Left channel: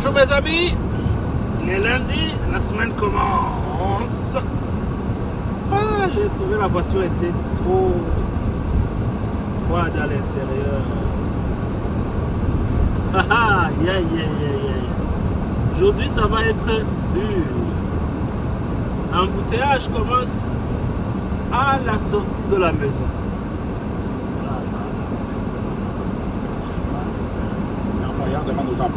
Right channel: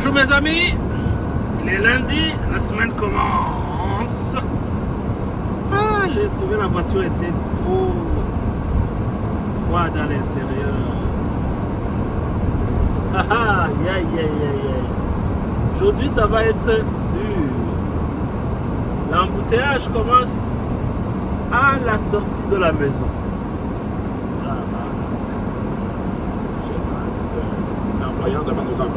Bonjour mes amis, il est lundi, la semaine commence. J'ai trouvé la voiture était trop froide à l'intérieur. Aujourd'hui ça va être dur. L'embouteillage commence à la sortie de la maison.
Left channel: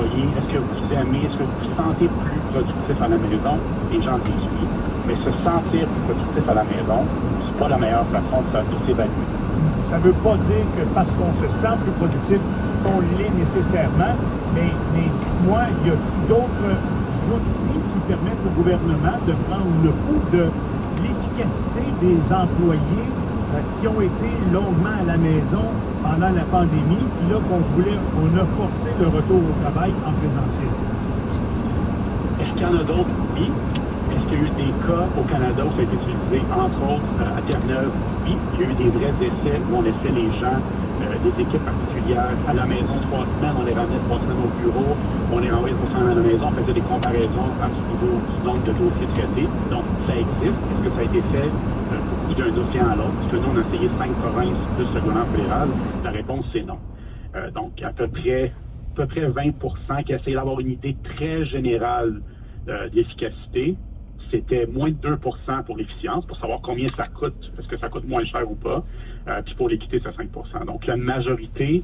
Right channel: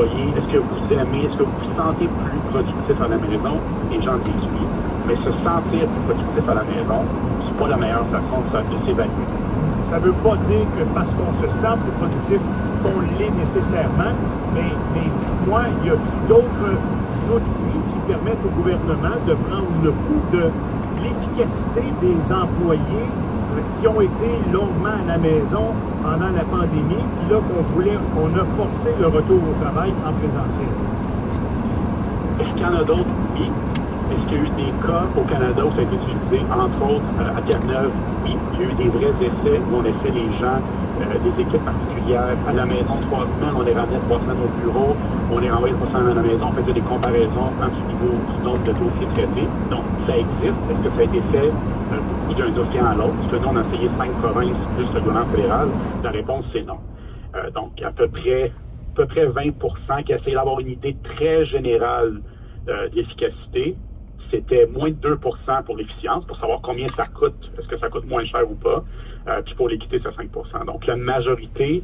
Est-ce que vous aimez, est-ce que vous vous sentez plus productif à la maison? Les gens disent oui. Mais se sentir plus productif à la maison, c'est pas la meilleure façon de s'évaluer. Ça ne veut pas dire que parce qu'on se sent plus productif qu'on l'est nécessairement, mais dites-moi, y a-t-il d'autres outils qui permettent au gouvernement de prendre le pouls de l'efficacité des employés qui ont été longuement à la maison pendant la pandémie, puis là on a forcé le retour au travail en présentiel? Est-ce qu'il y en a d'autres? Oui. Est-ce qu'il y a eu des cas au Canada où ça a été utilisé, entre autres à Terre-Neuve? Oui. Il y a eu des vrais essais où on laissait les gens, des équipes particulières, à la maison 3 semaines, on les ramenait 3 semaines au bureau, on les renvoyait 3 semaines à la maison, on faisait des comparaisons entre ce niveau du nombre de dossiers traités. Donc, ça existe. Est-ce que ça a été fait d'un dossier à l'autre? Est-ce que nous, on a essayé 5 provinces plus le gouvernement fédéral? La réponse, c'est non. Donc, à peu près 20% qui essayaient d'avoir une idée très générale de l'efficacité. C'était moins de 2% pour l'efficience, pour savoir combien ça coûte, est-ce que ça coûte moins cher ou pas. Puis pour l'équité, c'est 5%. Donc, la majorité,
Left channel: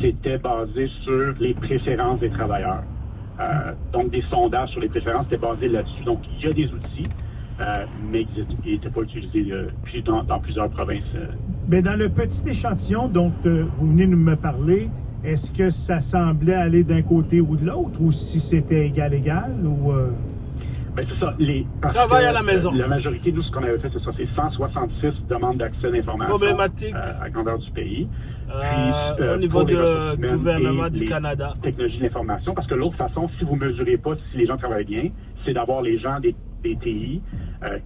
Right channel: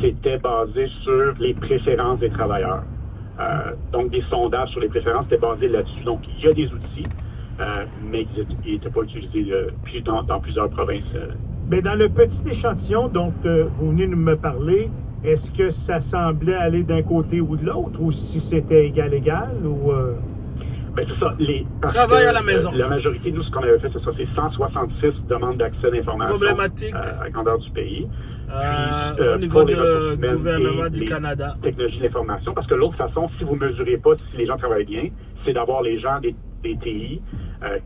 c'était basé sur les préférences des travailleurs. Donc, des sondages sur les préférences étaient basés là-dessus. Donc, il y a des outils, mais ils n'étaient pas utilisés dans plusieurs provinces. Mais dans le petit échantillon dont vous venez de me parler, est-ce que ça semblait aller d'un côté ou de l'autre, ou si c'était égal, ou... Ben, c'est ça. Travail à la maison. La majorité, nous, ce qu'on avait fait, c'est ça. C'est 166 demandes d'accès d'information. Problématique. À grandeur du pays. Au niveau du gouvernement du Canada. Technologie d'information. Parce que l'autre façon, si vous ne mesurez pas si les gens travaillent bien, c'est d'avoir les gens des TI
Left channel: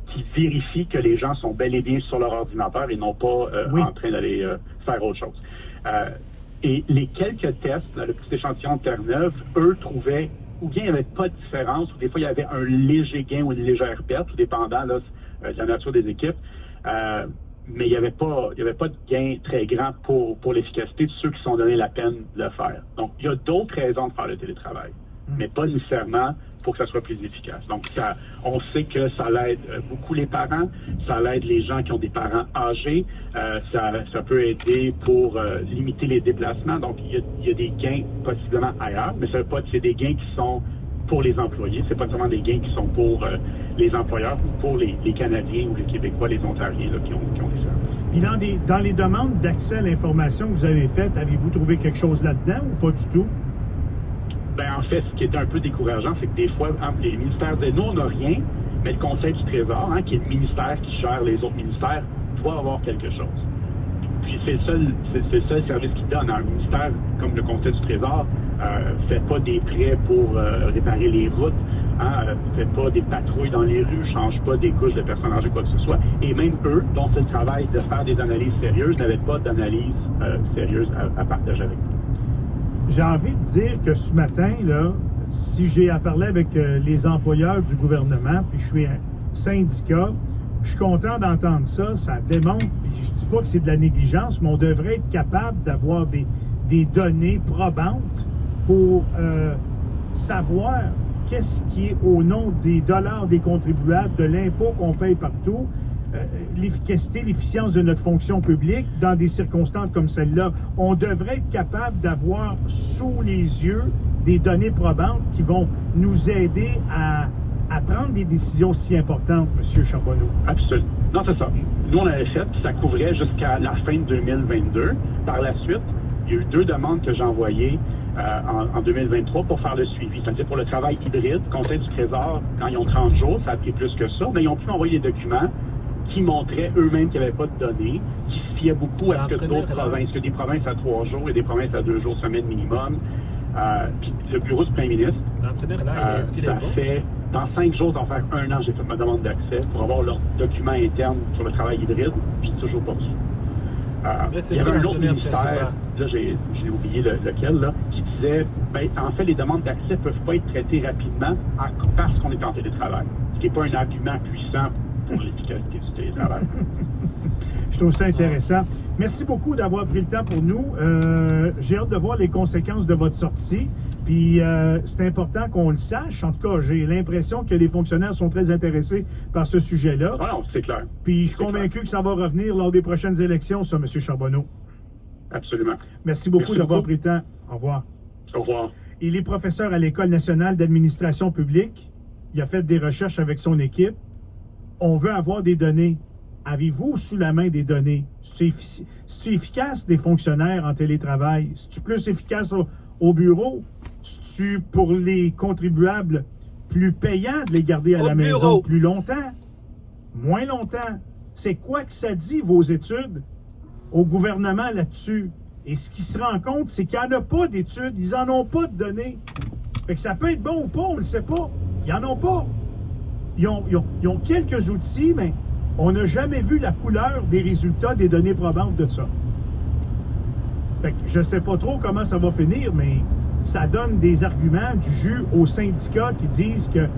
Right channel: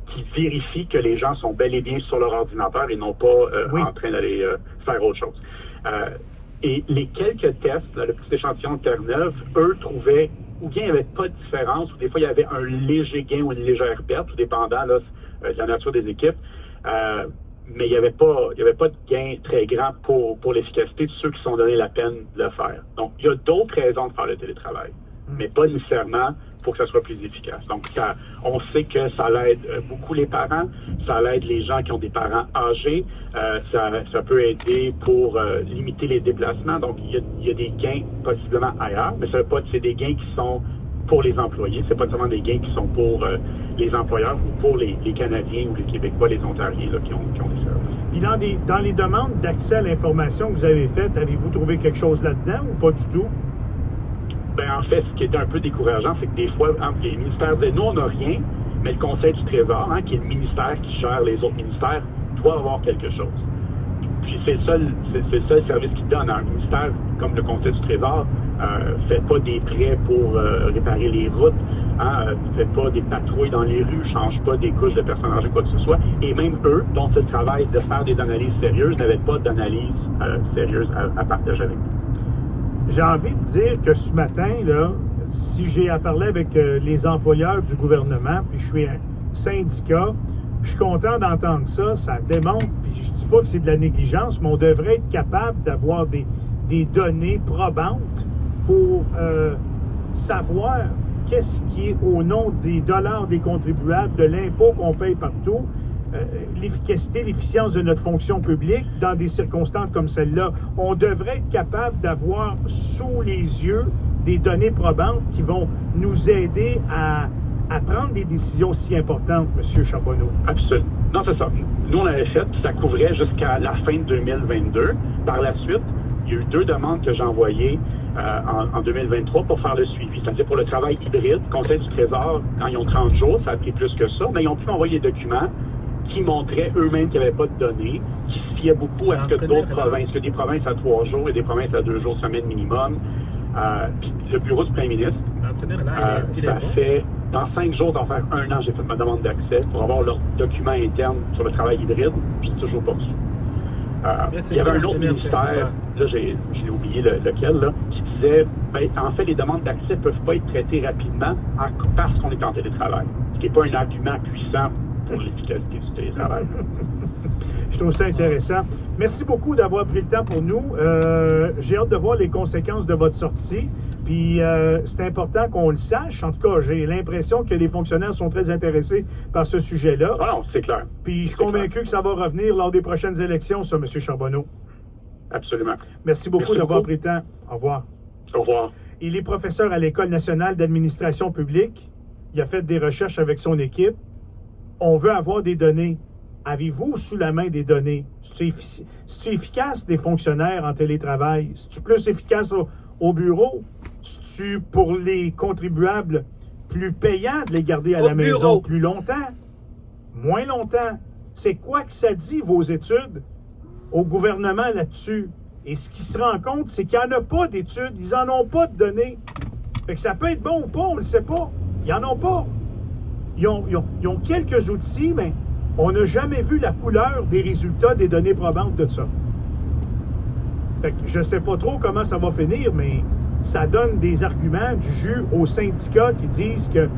qui vérifient que les gens sont bel et bien sur leur ordinateur et non pas en train d'aller faire autre chose. Et les quelques tests, le petit échantillon de Terre-Neuve, eux trouvaient ou bien il n'y avait pas de différence, ou des fois il y avait un léger gain ou une légère perte, tout dépendant de la nature des équipes. Mais il n'y avait pas de gain très grand pour l'efficacité de ceux qui sont donnés la peine de le faire. Donc, il y a d'autres raisons de faire le télétravail, mais pas nécessairement pour que ça soit plus efficace. Donc, on sait que ça l'aide beaucoup les parents, ça l'aide les gens qui ont des parents âgés, ça peut aider pour limiter les déplacements. Donc, il y a des gains possiblement ailleurs, mais ça veut pas que c'est des gains qui sont pour les employés, c'est pas seulement des gains qui sont pour les employeurs ou pour les Canadiens ou les Québécois, les Ontariens là, qui ont des services. Puis dans les demandes d'accès à l'information que vous avez faites, avez-vous trouvé quelque chose là-dedans ou pas du tout? Ben, en fait, ce qui était un peu décourageant, c'est que des fois, entre les ministères nous, on n'a rien, mais le Conseil du Trésor, qui est le ministère qui gère les autres ministères, doit avoir quelque chose. Puis c'est le seul service qu'il donne. Un ministère comme le Conseil du Trésor ne fait pas des prêts pour réparer les routes, ne fait pas des patrouilles dans les rues, ne change pas des couches de personnage ou quoi que ce soit. Et même eux, dont c'est le travail de faire des analyses sérieuses, n'avaient pas d'analyse sérieuse à partager avec nous. J'ai envie de dire que ce matin, là, si j'ai à parler avec les employeurs du gouvernement, puis je suis un syndicat, je suis content d'entendre ça. Ça démontre, puis je dis pas que c'est de la négligence, mais on devrait être capable d'avoir des données probantes pour savoir qu'est-ce qui est au nom des dollars des contribuables, de l'impôt qu'on paye partout, l'efficacité, l'efficience de notre fonction publique dans des circonstances comme celle-là. On devrait être capable d'avoir sous les yeux des données probantes qui vont nous aider à prendre des décisions si importantes, M. Charbonneau. Absolument. Non, c'est ça. Nous, on l'avait fait, puis ça couvrait jusqu'à la fin de 2022. Par la suite, il y a eu 2 demandes que j'ai envoyées en 2023 pour faire le suivi. C'est-à-dire pour le travail hybride, Conseil du Trésor, quand ils ont 30 jours, ça a pris plus que ça, mais ils ont pu envoyer des documents qui montraient eux-mêmes qu'il n'y avait pas de données, qui se fiaient beaucoup à ce que d'autres provinces, que des provinces à 3 jours et des provinces à 2 jours semaine minimum. Puis le bureau du premier ministre, est-ce qu'il est bon? fait, dans 5 jours, d'en faire 1 an, j'ai fait ma demande d'accès pour avoir leurs documents internes sur le travail hybride, puis toujours pas reçu. Mais c'est il y avait quoi un autre l'intérêt ministère, principal? là j'ai oublié lequel, là, qui disait, en fait, les demandes d'accès ne peuvent pas être traitées rapidement parce qu'on est en télétravail. Ce qui n'est pas un argument puissant pour l'efficacité du télétravail. Je trouve ça intéressant. Merci beaucoup d'avoir pris le temps pour nous. J'ai hâte de voir les conséquences de votre sortie. Puis c'est important qu'on le sache. En tout cas, j'ai l'impression que les fonctionnaires sont très intéressés par ce sujet-là. Ah non, c'est clair. Puis je suis convaincu que ça va revenir lors des prochaines élections, ça, M. Charbonneau. Absolument. Merci beaucoup d'avoir pris le temps. Au revoir. Au revoir. Il est professeur à l'École nationale d'administration publique. Il a fait des recherches avec son équipe. On veut avoir des données. Avez-vous sous la main des données? C'est-tu efficace des fonctionnaires en télétravail? C'est-tu plus efficace au bureau? C'est-tu pour les contribuables plus payant de les garder à la maison plus longtemps? Moins longtemps? C'est quoi que ça dit, vos études, au gouvernement là-dessus? Et ce qui se rend compte, c'est qu'il n'y en a pas d'études. Ils n'en ont pas de données. Fait que ça peut être bon ou pas, on ne le sait pas. Ils n'en ont pas. Ils ont quelques outils, mais on n'a jamais vu la couleur des résultats des données probantes de ça. Fait que je ne sais pas trop comment ça va finir, mais ça donne des arguments du jus aux syndicats qui disent que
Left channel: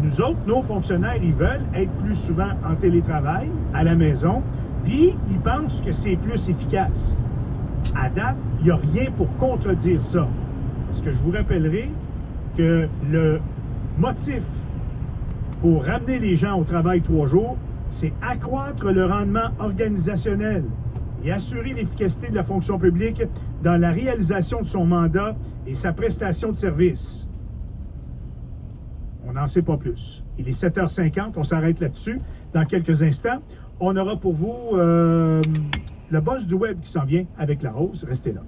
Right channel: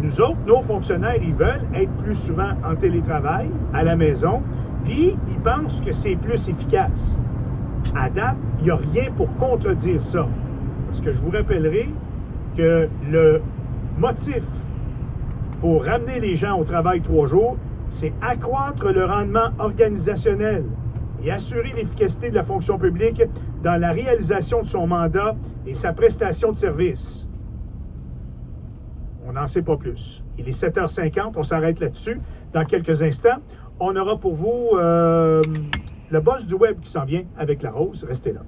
nous autres, nos fonctionnaires, ils veulent être plus souvent en télétravail, à la maison, puis ils pensent que c'est plus efficace. À date, il n'y a rien pour contredire ça. Parce que je vous rappellerai que le motif pour ramener les gens au travail 3 jours, c'est accroître le rendement organisationnel et assurer l'efficacité de la fonction publique dans la réalisation de son mandat et sa prestation de service. On n'en sait pas plus. Il est 7h50, on s'arrête là-dessus. Dans quelques instants, on aura pour vous le boss du web qui s'en vient avec la rose. Restez là.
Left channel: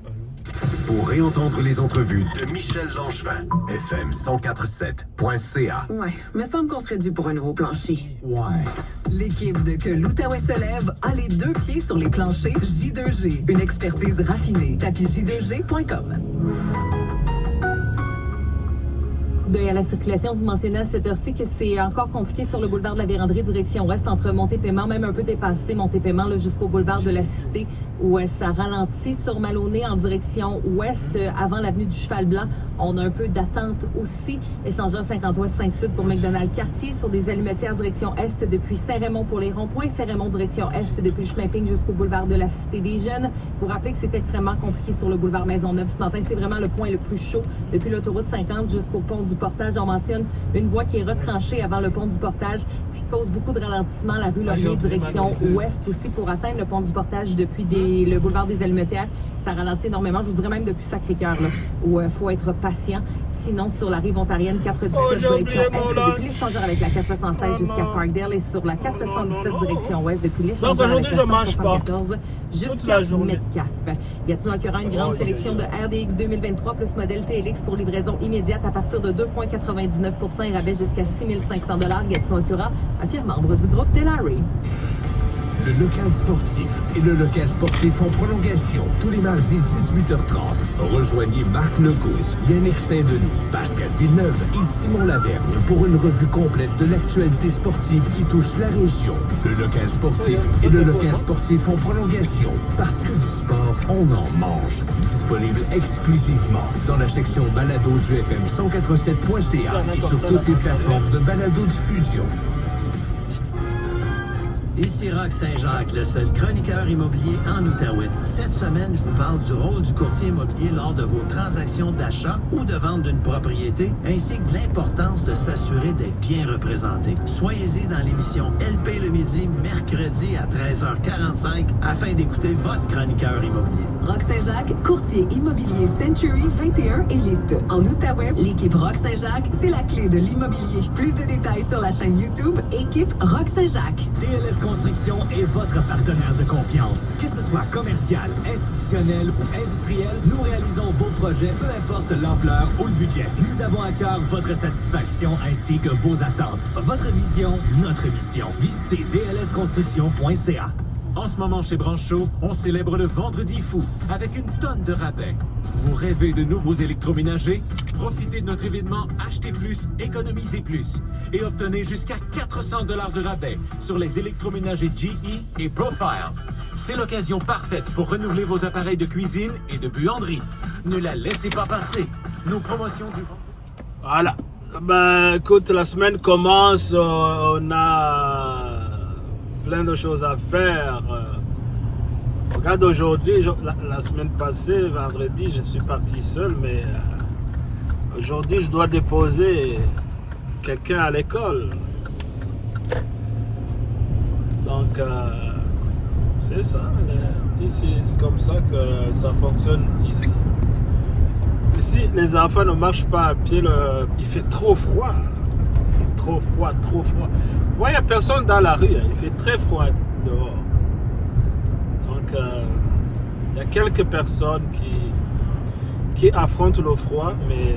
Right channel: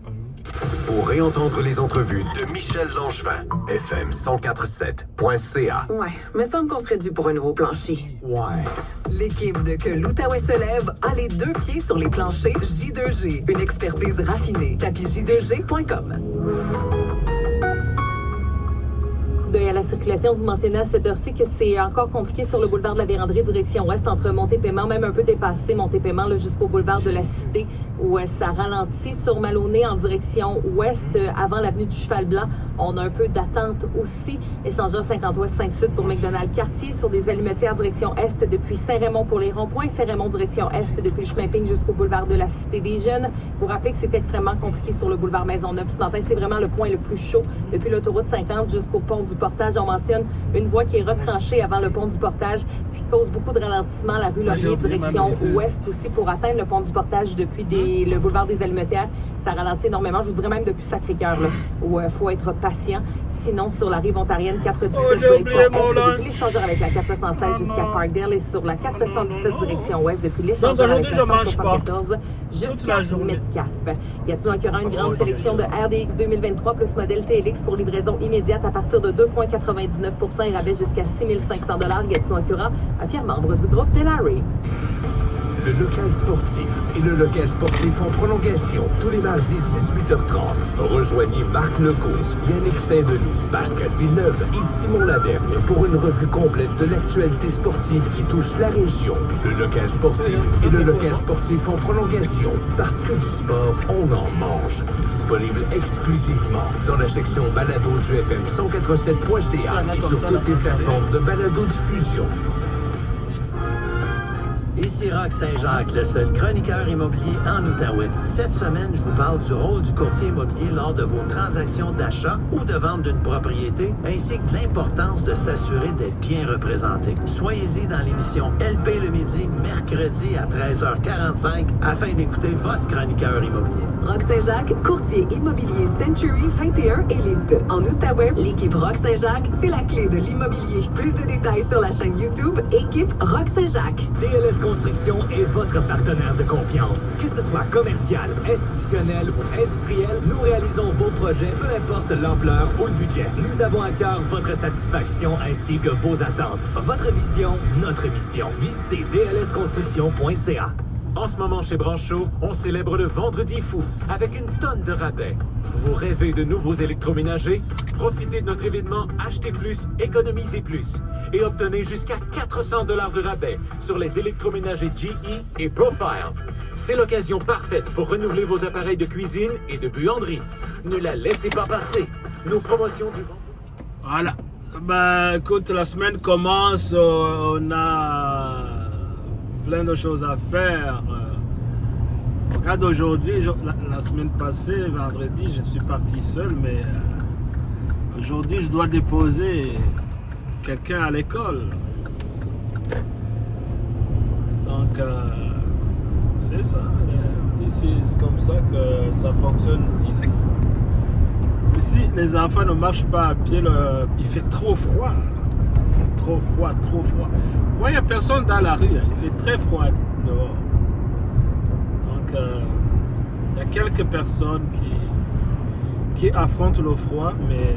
Pour réentendre les entrevues de Michel Langevin, fm1047.ca. Ouais, me semble qu'on serait dû pour un nouveau plancher. Ouais. L'équipe de Que l'Outaouais se lève a les 2 pieds sur les planchers J2G. Une expertise raffinée. Tapisj2g.com. À la circulation, vous mentionnez à cette heure-ci que c'est encore compliqué sur le boulevard de la Vérandrie, direction ouest, entre Montée-Paiement, même un peu dépassé Montée-Paiement, jusqu'au boulevard de la Cité, où ça ralentit sur Maloney en direction ouest, avant l'avenue du Cheval-Blanc. On a un peu d'attente aussi. Échangeur 50 ouest 5 sud pour McDonald Cartier, sur des allumetières direction est depuis Saint-Raymond pour les ronds-points, Saint-Raymond direction est depuis le Schlimping jusqu'au boulevard de la Cité des Jeunes. Vous rappelez que c'est extrêmement compliqué sur le boulevard Maisonneuve ce matin. C'est vraiment le point le plus chaud depuis l'autoroute 50 jusqu'au pont du Portage. On mentionne une voie qui est retranchée avant le pont du Portage, ce qui cause beaucoup de ralentissement. La rue Laurier, direction ouest aussi, pour atteindre le pont du Portage depuis le boulevard des Allumetières. Ça ralentit énormément, je vous dirais même depuis Sacré-Cœur, où il faut être patient. Sinon, sur la rive ontarienne, 417 direction est, depuis l'échangeur avec la 416 jusqu'à Parkdale, et sur la 417 direction ouest depuis l'échangeur avec la 474 jusqu'à Metcalfe. Y a-t-il donc une grande sélection de RDX 2023 plus modèle TLX pour livraison immédiate à partir de 2,99% et rabais jusqu'à 6 500 $. Gatineau Acura, un fier membre du groupe Delary. Le local sportif et le local sportif en prolongation tous les mardis 18h30. Rejoignez Marc Legault, Yannick Saint-Denis, Pascal Villeneuve et Simon Lavergne pour une revue complète de l'actualité sportive qui touche la région. Le local sportif et le local sportif en prolongation. Parce que du sport, on en mange. Disponible exclusivement dans la section balado du FM1047.ca et sur toutes les plateformes de balado-diffusion. Ici Roch Saint-Jacques, le seul chroniqueur immobilier en Outaouais. Cette semaine, je vous parle du rôle du courtier immobilier lors de vos transactions d'achat ou de vente d'une propriété, ainsi que de l'importance de s'assurer d'être bien représenté. Soyez-y dans l'émission LP le midi, mercredi à 13h45, afin d'écouter votre chroniqueur immobilier. Roch Saint-Jacques, courtier immobilier Century 21 Elite. En Outaouais, l'équipe Roch Saint-Jacques, c'est la clé de l'immobilier. Plus de détails sur la chaîne YouTube, équipe Roch Saint-Jacques. DLS Construction est votre partenaire de confiance. Que ce soit commercial, institutionnel ou industriel, nous réalisons vos projets, peu importe l'ampleur ou le budget. Nous avons à cœur votre satisfaction ainsi que vos attentes. Votre vision, notre mission. Visitez dlsconstruction.ca. En ce moment, chez Branchot, on célèbre le Vendredi fou avec une tonne de rabais. Vous rêvez de nouveaux électroménagers? Profitez de notre événement Achetez plus, économisez plus et obtenez jusqu'à 400 $ de rabais sur les électroménagers GE et Profile. C'est l'occasion parfaite pour renouveler vos appareils de cuisine et de buanderie. Ne la laissez pas passer. Nos promotions du... Voilà. Ben, écoute, la semaine commence, on a plein de choses à faire. Regarde aujourd'hui, la semaine passée, vendredi, je suis parti seul, mais aujourd'hui, je dois déposer quelqu'un à l'école. Donc, c'est ça. C'est comme ça que ça fonctionne ici. Ici, les enfants ne marchent pas à pied. Il fait trop froid. Trop froid, trop froid. Moi, il n'y a personne dans la rue. Il fait très froid dehors. Donc, il y a quelques personnes qui affrontent le froid, mais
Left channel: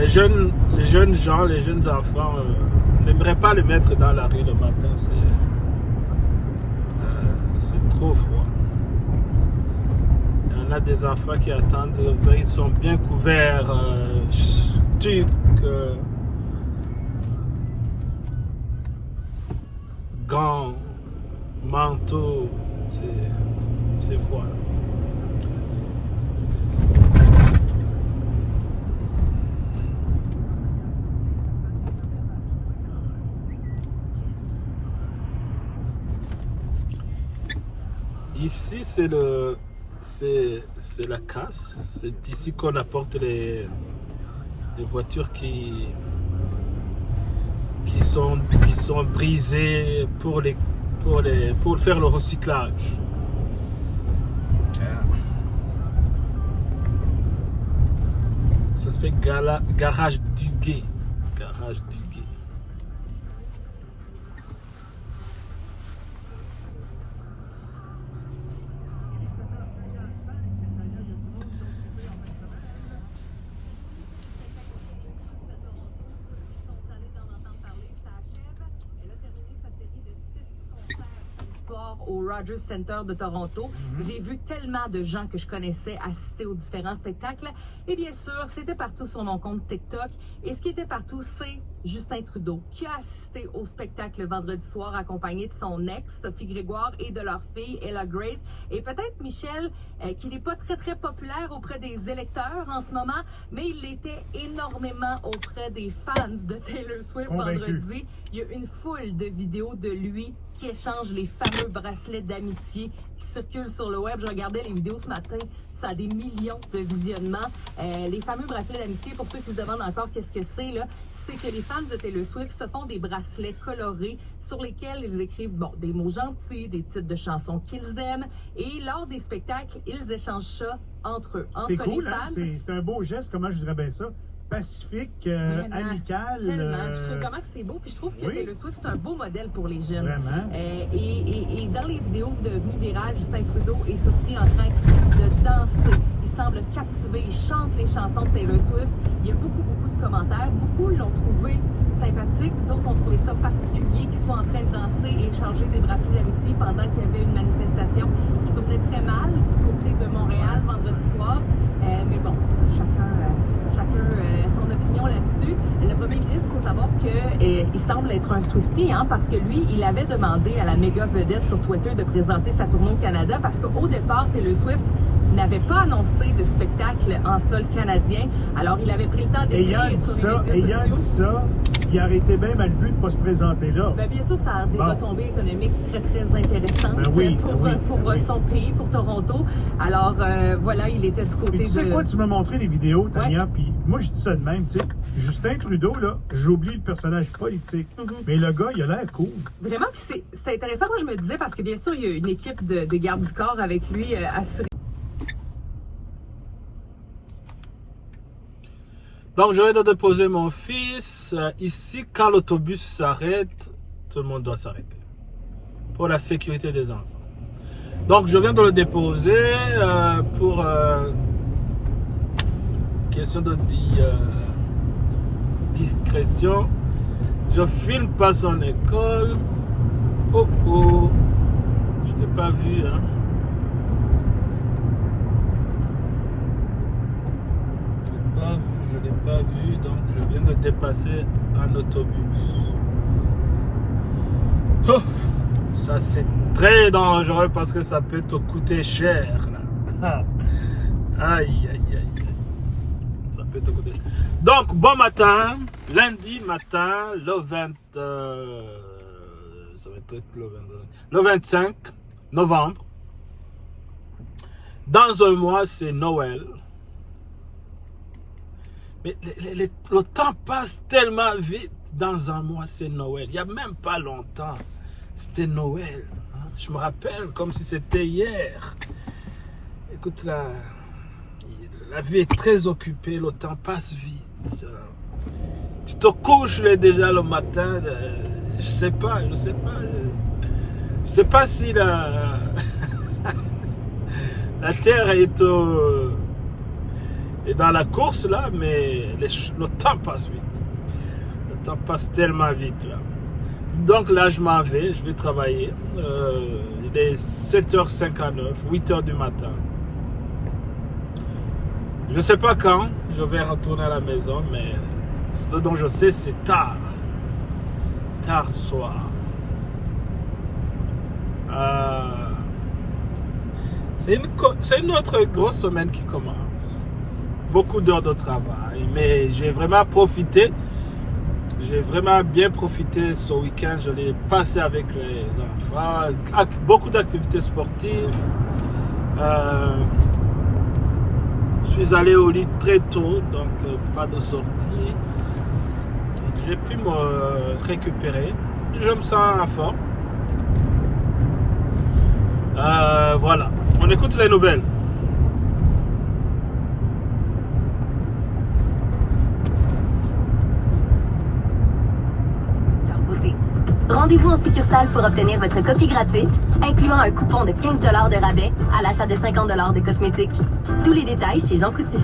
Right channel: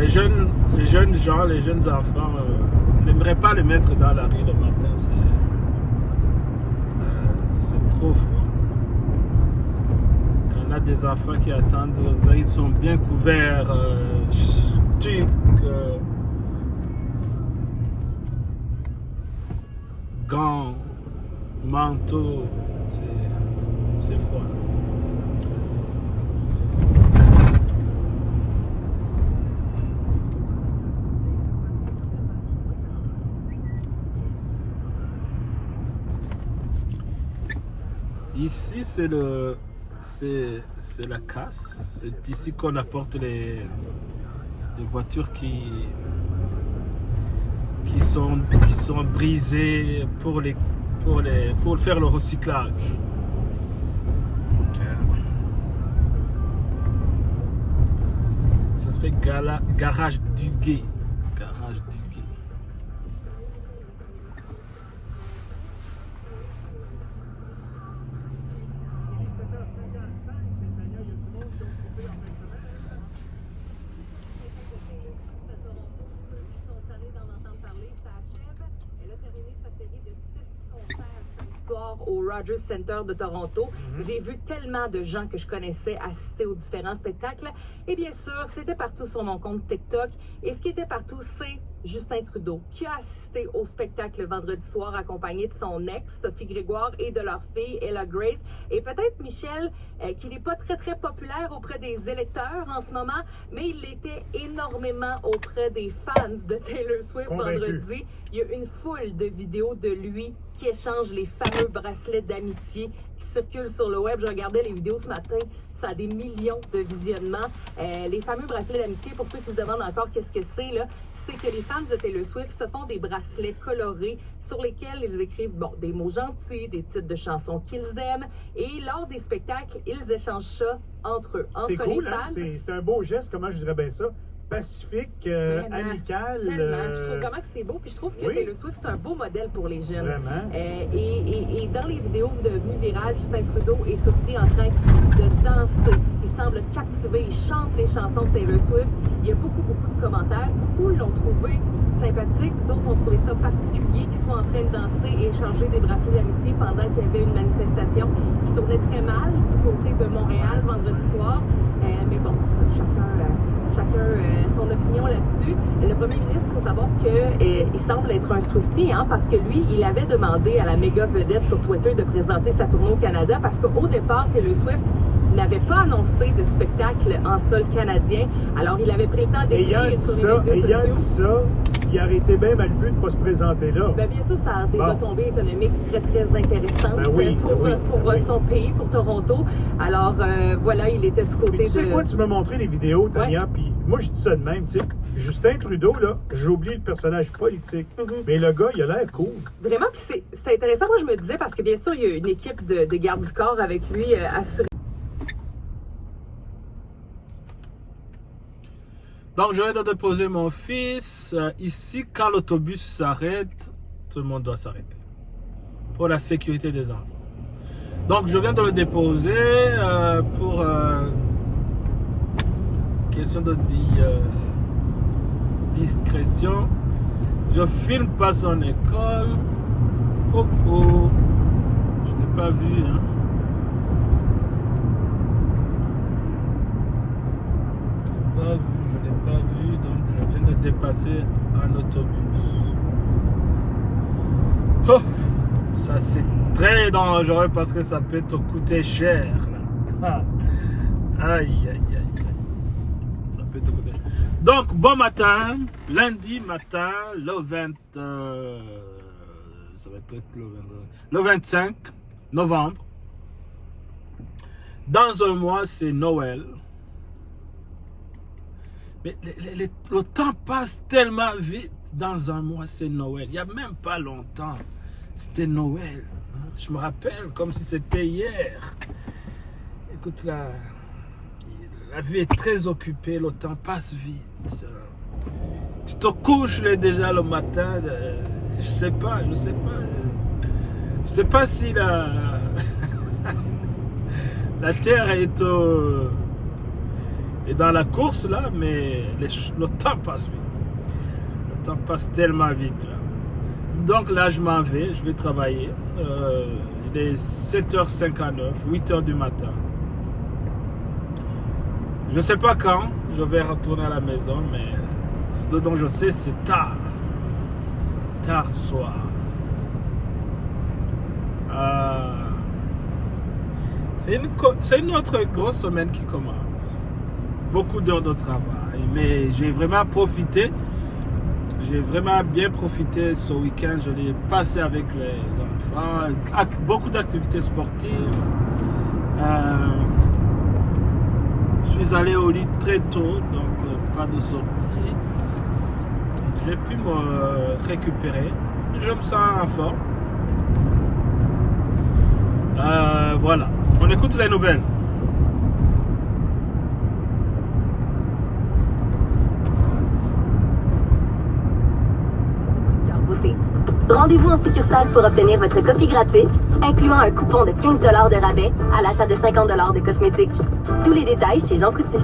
les jeunes gens, les jeunes enfants, n'aimeraient pas le mettre dans la rue le matin. C'est trop froid. Il y a des enfants qui attendent, ils sont bien couverts, gants, manteaux, c'est froid. Ici, c'est la casse. C'est ici qu'on apporte les voitures qui sont brisées pour faire le recyclage. Ça s'appelle garage du Gué. Garage du Gué. Au Rogers Center de Toronto. J'ai vu tellement de gens que je connaissais assister aux différents spectacles. Et bien sûr, c'était partout sur mon compte TikTok. Et ce qui était partout, c'est Justin Trudeau, qui a assisté au spectacle vendredi soir accompagné de son ex, Sophie Grégoire, et de leur fille, Ella Grace. Et peut-être Michel, qui n'est pas très, très populaire auprès des électeurs en ce moment, mais il l'était énormément auprès des fans de Taylor Swift vendredi. Il y a une foule de vidéos de lui qui échange les fameux bracelets d'amitié qui circulent sur le web. Je regardais les vidéos ce matin, ça a des millions de visionnements. Les fameux bracelets d'amitié, pour ceux qui se demandent encore qu'est-ce que c'est, là, c'est que les fans de Taylor Swift se font des bracelets colorés sur lesquels ils écrivent des mots gentils, des titres de chansons qu'ils aiment. Et lors des spectacles, ils échangent ça entre eux. C'est cool, hein? C'est un beau geste, comment je dirais bien ça? Pacifique, amical. Tellement. Je trouve vraiment que c'est beau. Puis je trouve que Taylor Swift, c'est un beau modèle pour les jeunes. Vraiment. Et dans les vidéos devenues virales, Justin Trudeau est surpris en train de danser. Il semble captivé. Il chante les chansons de Taylor Swift. Il y a beaucoup de commentaires. Beaucoup l'ont trouvé sympathique. D'autres ont trouvé ça particulier qu'ils soient en train de danser et échanger des bracelets d'amitié pendant qu'il y avait une manifestation qui tournait très mal du côté de Montréal vendredi soir. Mais bon, chacun son opinion là-dessus. Le premier ministre, il faut savoir qu'il semble être un Swiftie, parce que lui, il avait demandé à la méga vedette sur Twitter de présenter sa tournée au Canada parce qu'au départ, Taylor Swift n'avait pas annoncé de spectacle en sol canadien. Alors, il avait pris le temps d'écrire sur les médias sociaux. Il a dit ça, il aurait été bien mal vu de ne pas se présenter là. Bien sûr, ça a des retombées économiques très, très intéressantes pour son pays, pour Toronto. Alors, voilà, il était du côté de... Tu sais quoi, tu m'as montré les vidéos, Tania, puis moi, je dis ça de même, tu sais. Justin Trudeau, là, j'ai oublié le personnage politique. Mais le gars, il a l'air cool. Vraiment, puis c'est intéressant. Moi, je me disais, parce que bien sûr, il y a une équipe de garde du corps avec lui assurée. Donc, je vais déposer mon fils. Ici, quand l'autobus s'arrête, tout le monde doit s'arrêter. Pour la sécurité des enfants. Donc, je viens de le déposer pour question de discrétion. Je filme pas son école. Oh, je n'ai pas vu, Je n'ai pas vu, donc je viens de dépasser un autobus. Oh. Ça, c'est très dangereux parce que ça peut te coûter cher. Aïe, aïe, aïe. Ça peut te coûter cher. Donc, bon matin. Lundi matin, le 20... ça va être le 25 novembre. Dans un mois, c'est Noël. Mais le temps passe tellement vite. Dans un mois, c'est Noël. Il n'y a même pas longtemps. C'était Noël. Je me rappelle comme si c'était hier. Écoute, la vie est très occupée. Le temps passe vite. Tu te couches déjà le matin. Je sais pas. Je sais pas si la terre est dans la course là, mais le temps passe vite. Le temps passe tellement vite là. Donc là, je m'en vais, je vais travailler. Il est 7h59, 8h du matin. Je ne sais pas quand je vais retourner à la maison, mais ce dont je sais, c'est tard. Tard soir. C'est une autre grosse semaine qui commence. Beaucoup d'heures de travail, mais j'ai vraiment profité. J'ai vraiment bien profité ce week-end. Je l'ai passé avec les enfants. Beaucoup d'activités sportives. Je suis allé au lit très tôt, donc pas de sortie. J'ai pu me récupérer. Je me sens en forme. Voilà. On écoute les nouvelles. Rendez-vous en succursale pour obtenir votre copie gratuite, incluant un coupon de 15 $ de rabais à l'achat de 50 $ de cosmétiques. Tous les détails chez Jean Coutu.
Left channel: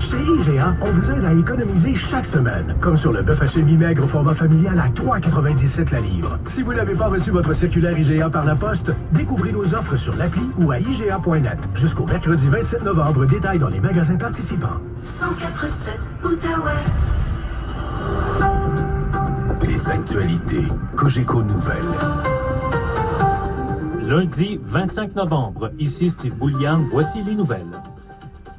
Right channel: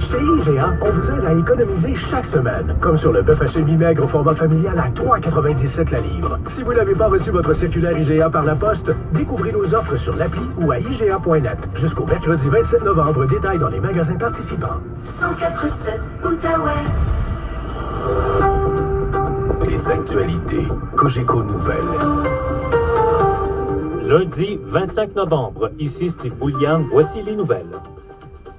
Chez IGA, on vous aide à économiser chaque semaine, comme sur le bœuf haché mi-maigre au format familial à 3,97 la livre. Si vous n'avez pas reçu votre circulaire IGA par la poste, découvrez nos offres sur l'appli ou à IGA.net. Jusqu'au mercredi 27 novembre, détails dans les magasins participants. 104.7 Outaouais. Les actualités Cogeco Nouvelles. Lundi 25 novembre, ici Steve Boulian, voici les nouvelles.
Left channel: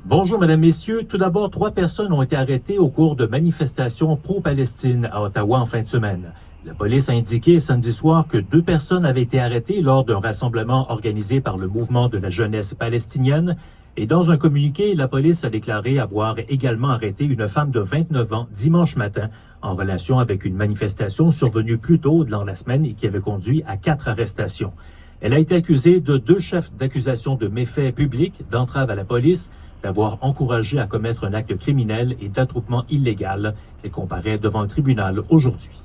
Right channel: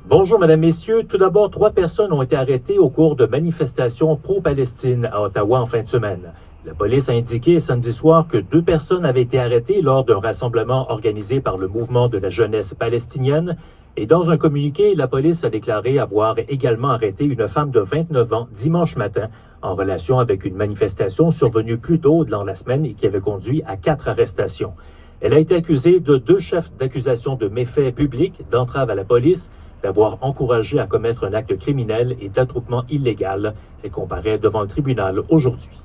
Bonjour, mesdames, messieurs. Tout d'abord, 3 personnes ont été arrêtées au cours de manifestations pro-Palestine à Ottawa en fin de semaine. La police a indiqué samedi soir que 2 personnes avaient été arrêtées lors d'un rassemblement organisé par le mouvement de la jeunesse palestinienne. Et dans un communiqué, la police a déclaré avoir également arrêté une femme de 29 ans dimanche matin en relation avec une manifestation survenue plus tôt dans la semaine et qui avait conduit à 4 arrestations. Elle a été accusée de 2 chefs d'accusation de méfaits publics, d'entrave à la police, d'avoir encouragé à commettre un acte criminel et d'attroupement illégal. Elle comparaît devant le tribunal aujourd'hui.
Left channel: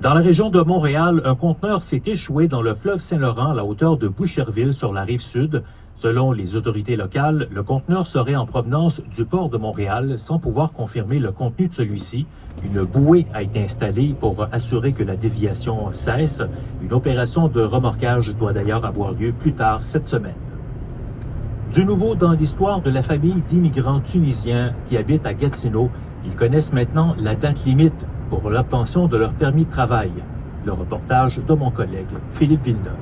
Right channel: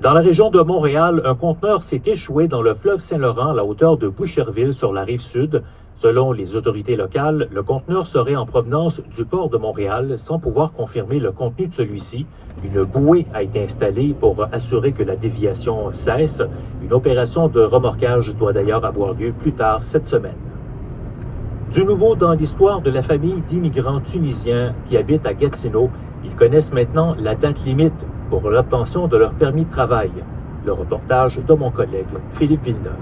Dans la région de Montréal, un conteneur s'est échoué dans le fleuve Saint-Laurent à la hauteur de Boucherville sur la rive sud. Selon les autorités locales, le conteneur serait en provenance du port de Montréal sans pouvoir confirmer le contenu de celui-ci. Une bouée a été installée pour assurer que la déviation cesse. Une opération de remorquage doit d'ailleurs avoir lieu plus tard cette semaine. Du nouveau dans l'histoire de la famille d'immigrants tunisiens qui habitent à Gatineau. Ils connaissent maintenant la date limite pour l'obtention de leur permis de travail. Le reportage de mon collègue Philippe Villeneuve.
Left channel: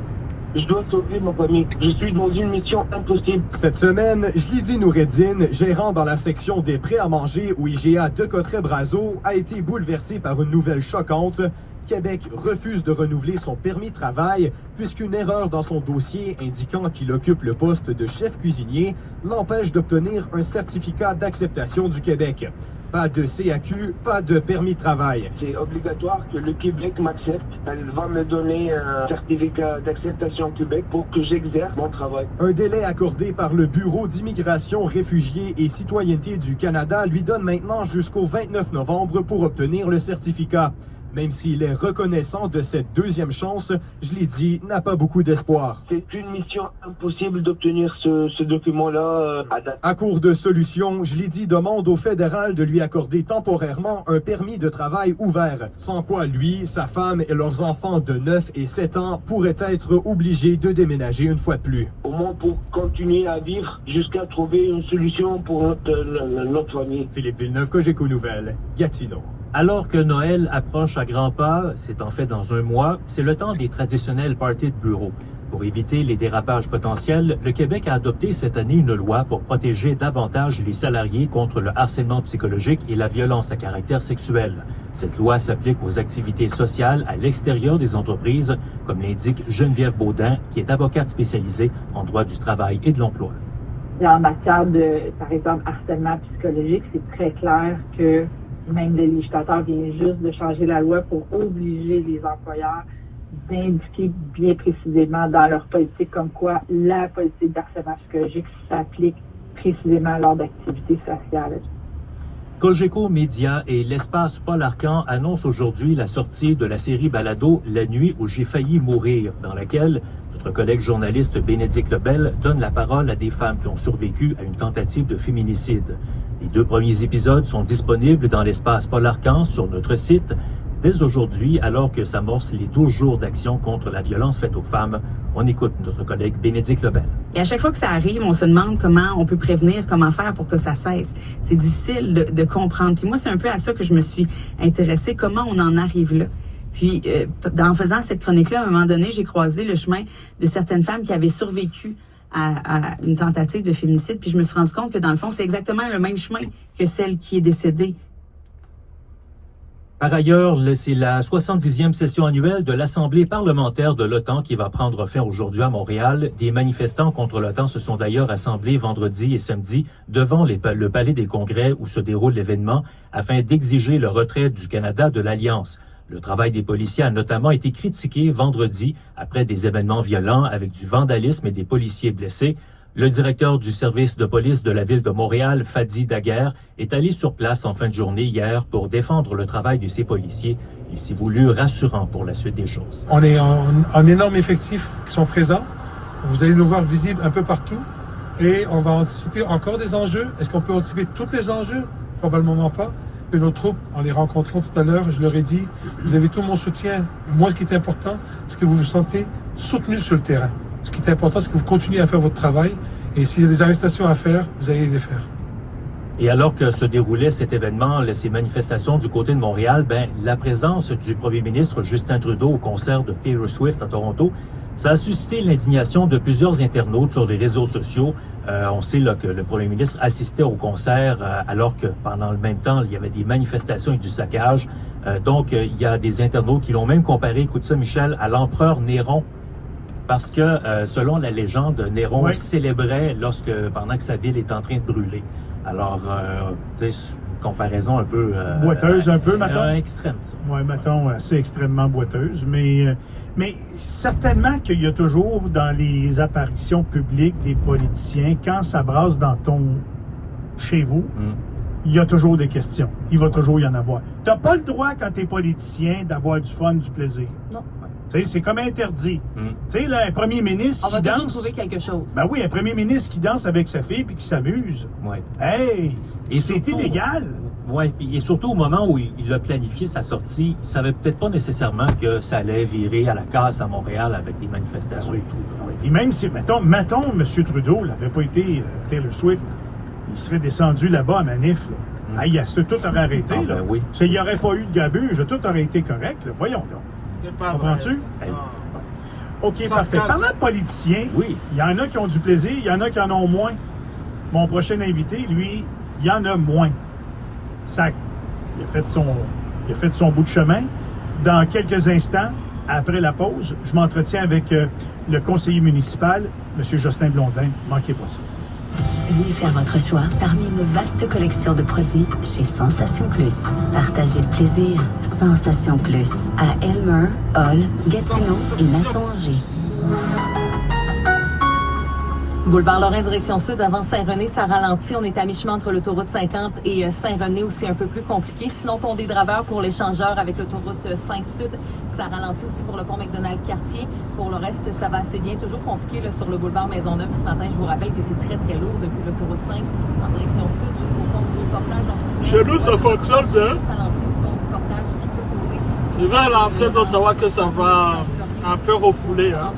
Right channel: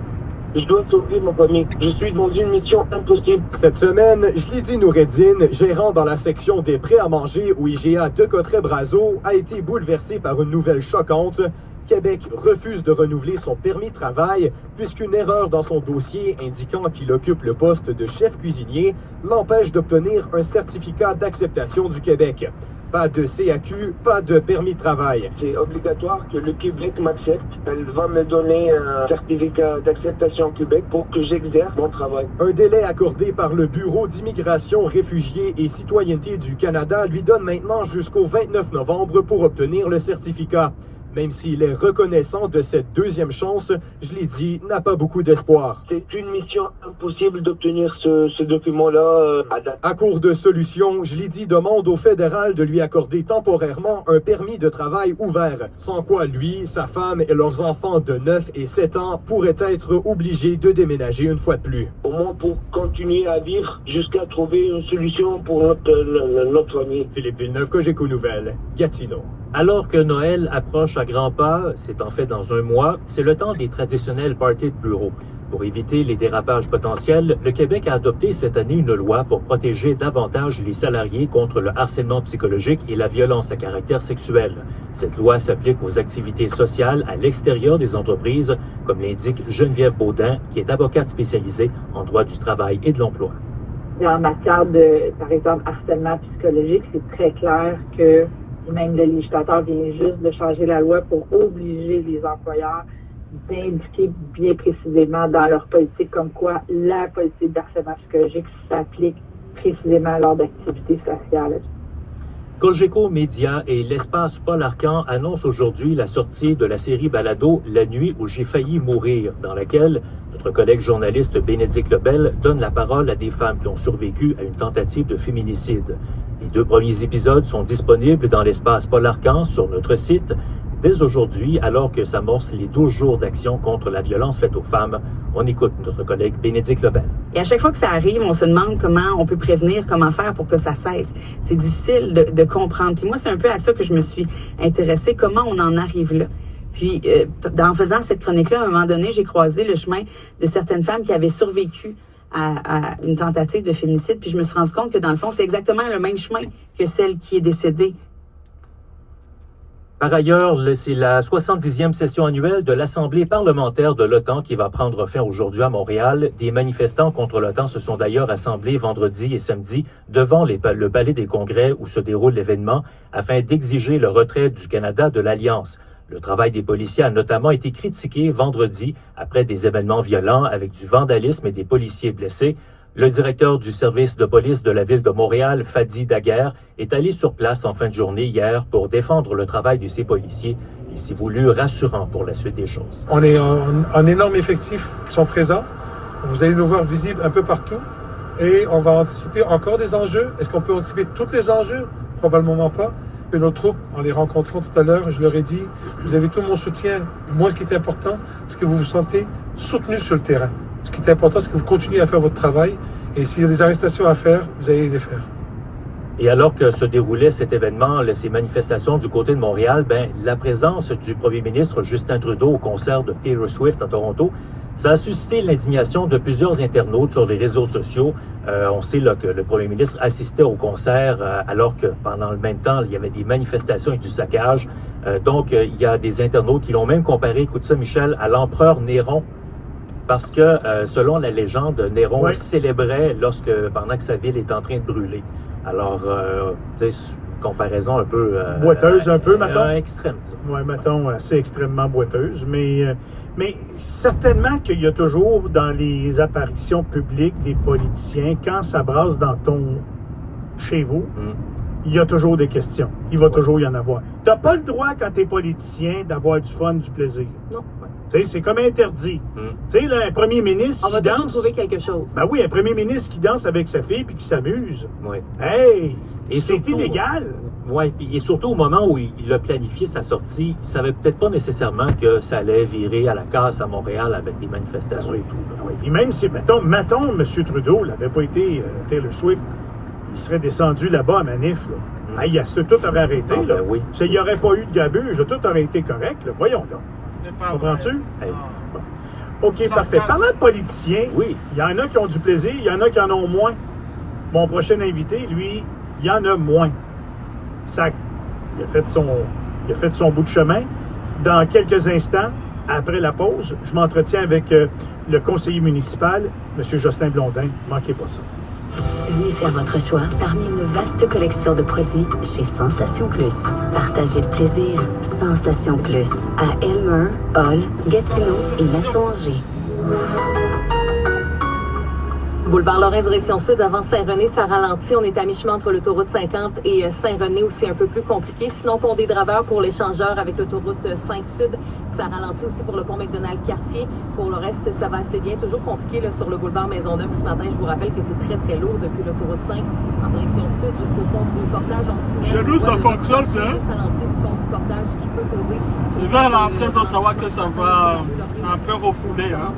Je dois sauver ma famille. Je suis dans une mission impossible. Cette semaine, Jlidi Noureddine, gérant dans la section des prêts à manger au IGA de Cotteret-Brazeau, a été bouleversé par une nouvelle choquante. Québec refuse de renouveler son permis de travail puisqu'une erreur dans son dossier indiquant qu'il occupe le poste de chef cuisinier l'empêche d'obtenir un certificat d'acceptation du Québec. Pas de CAQ, pas de permis de travail. C'est obligatoire que le Québec m'accepte. Elle va me donner un certificat d'acceptation au Québec pour que j'exerce mon travail. Un délai accordé par le Bureau d'immigration, réfugiés et citoyenneté du Canada lui donne maintenant jusqu'au 29 novembre pour obtenir le certificat. Même s'il est reconnaissant de cette deuxième chance, Jlidi n'a pas beaucoup d'espoir. C'est une mission impossible d'obtenir ce document-là à date. À court de solution, Jlidi demande au fédéral de lui accorder temporairement un permis de travail ouvert, sans quoi lui, sa femme et leurs enfants de 9 et 7 ans pourraient être obligés de déménager une fois de plus. Au moins pour continuer à vivre jusqu'à trouver une solution pour notre famille. Philippe Villeneuve, Cogeco Nouvelles, Gatineau. Alors que Noël approche à grands pas, c'est en fait dans un mois, c'est le temps des traditionnels parties de bureau. Pour éviter les dérapages potentiels, le Québec a adopté cette année une loi pour protéger davantage les salariés contre le harcèlement psychologique et la violence à caractère sexuel. Cette loi s'applique aux activités sociales à l'extérieur des entreprises, comme l'indique Geneviève Baudin, qui est avocate spécialisée en droit du travail et de l'emploi. En matière de, par exemple, harcèlement psychologique, c'est très clair que même le législateur vient juste de changer la loi pour obliger les employeurs d'indiquer bien précisément dans leur politique comme quoi la politique d'harcèlement psychologique s'applique précisément lors d'activités sociales. Cogeco Média et l'Espace Paul Arcan annoncent aujourd'hui la sortie de la série balado « La nuit où j'ai failli mourir », dans laquelle notre collègue journaliste Bénédicte Lebel donne la parole à des femmes qui ont survécu à une tentative de féminicide. Les 2 premiers épisodes sont disponibles dans l'Espace Paul Arcan sur notre site. Dès aujourd'hui, alors que s'amorcent les 12 jours d'action contre la violence faite aux femmes, on écoute notre collègue Bénédicte Lebel. Et à chaque fois que ça arrive, on se demande comment on peut prévenir, comment faire pour que ça cesse. C'est difficile de comprendre. Puis moi, c'est un peu à ça que je me suis intéressée, comment on en arrive là. Puis, en faisant cette chronique-là, à un moment donné, j'ai croisé le chemin de certaines femmes qui avaient survécu à une tentative de féminicide. Puis je me suis rendu compte que, dans le fond, c'est exactement le même chemin que celle qui est décédée. Par ailleurs, c'est la 70e session annuelle de l'Assemblée parlementaire de l'OTAN qui va prendre fin aujourd'hui à Montréal. Des manifestants contre l'OTAN se sont d'ailleurs assemblés vendredi et samedi devant le Palais des Congrès où se déroule l'événement afin d'exiger le retrait du Canada de l'Alliance. Le travail des policiers a notamment été critiqué vendredi après des événements violents avec du vandalisme et des policiers blessés. Le directeur du service de police de la ville de Montréal, Fadi Daguerre, est allé sur place en fin de journée hier pour défendre le travail de ces policiers. Il s'est voulu rassurant pour la suite des choses. On est en énorme effectif qui sont présents. Vous allez nous voir visibles un peu partout et on va anticiper encore des enjeux. Est-ce qu'on peut anticiper tous les enjeux? Probablement pas. Et nos troupes, en les rencontrant tout à l'heure, je leur ai dit, vous avez tout mon soutien. Moi, ce qui est important, c'est que vous vous sentez soutenus sur le terrain. Ce qui est important, c'est que vous continuez à faire votre travail. Et s'il y a des arrestations à faire, vous allez les faire. Et alors que se déroulait cet événement, ces manifestations du côté de Montréal, la présence du premier ministre Justin Trudeau au concert de Taylor Swift à Toronto, ça a suscité l'indignation de plusieurs internautes sur les réseaux sociaux. On sait là, que le premier ministre assistait au concert alors que pendant le même temps, il y avait des manifestations et du saccage. Donc, il y a des internautes qui l'ont même comparé, écoute ça Michel, à l'empereur Néron. Parce que, selon la légende, Néron célébrait pendant que sa ville est en train de brûler. Alors, comparaison un peu... boiteuse un peu, mettons? Extrême. Oui, mettons, assez extrêmement boiteuse. Mais certainement qu'il y a toujours dans les apparitions publiques des politiciens, quand ça brasse chez vous, il y a toujours des questions. Il va toujours y en avoir. Tu n'as pas le droit, quand tu es politicien, d'avoir du fun, du plaisir. Non. C'est comme interdit. Tu sais, un premier ministre qui danse... On va toujours trouver quelque chose. Ben oui, un premier ministre qui danse avec sa fille puis qui s'amuse. Oui. Hey! Et c'est illégal. Oui, et surtout au moment où il a planifié sa sortie, il savait peut-être pas nécessairement que ça allait virer à la casse à Montréal avec des manifestations. Oui. Et même si, mettons, M. Trudeau n'avait pas été Taylor Swift, il serait descendu là-bas à Manif. Tout aurait arrêté. Oui. Il n'y aurait pas eu de gabuge, tout aurait été correct. Là. Voyons donc. C'est pas comprends-tu? OK, parfait. Parlant de politiciens, il y en a qui ont du plaisir, il y en a qui en ont moins. Mon prochain invité, lui, il y en a moins. Il a fait son bout de chemin. Dans quelques instants, après la pause, je m'entretiens avec le conseiller municipal, M. Jocelyn Blondin. Manquez pas ça. Venez faire votre choix parmi une vaste collection de produits chez Sensation Plus. Partagez le plaisir. Sensation Plus à Elmer, Hall, Gatineau et Masson-Angers. Boulevard Lorrain, direction sud, avant Saint-René, ça ralentit. On est à mi-chemin entre l'autoroute 50 et Saint-René, où c'est un peu plus compliqué. Sinon, pont des Draveurs pour l'échangeur avec l'autoroute 5 sud, ça ralentit aussi pour le pont McDonald-Cartier. Pour le reste, ça va assez bien. Toujours compliqué là, sur le boulevard Maisonneuve ce matin. Je vous rappelle que c'est très, très lourd depuis l'autoroute 5 en direction sud jusqu'au pont du Portage. Chez nous, ça fonctionne bien. Juste à l'entrée du pont du Portage qui peut causer... C'est vers l'entrée d'Ottawa que ça va un peu refouler. Hein?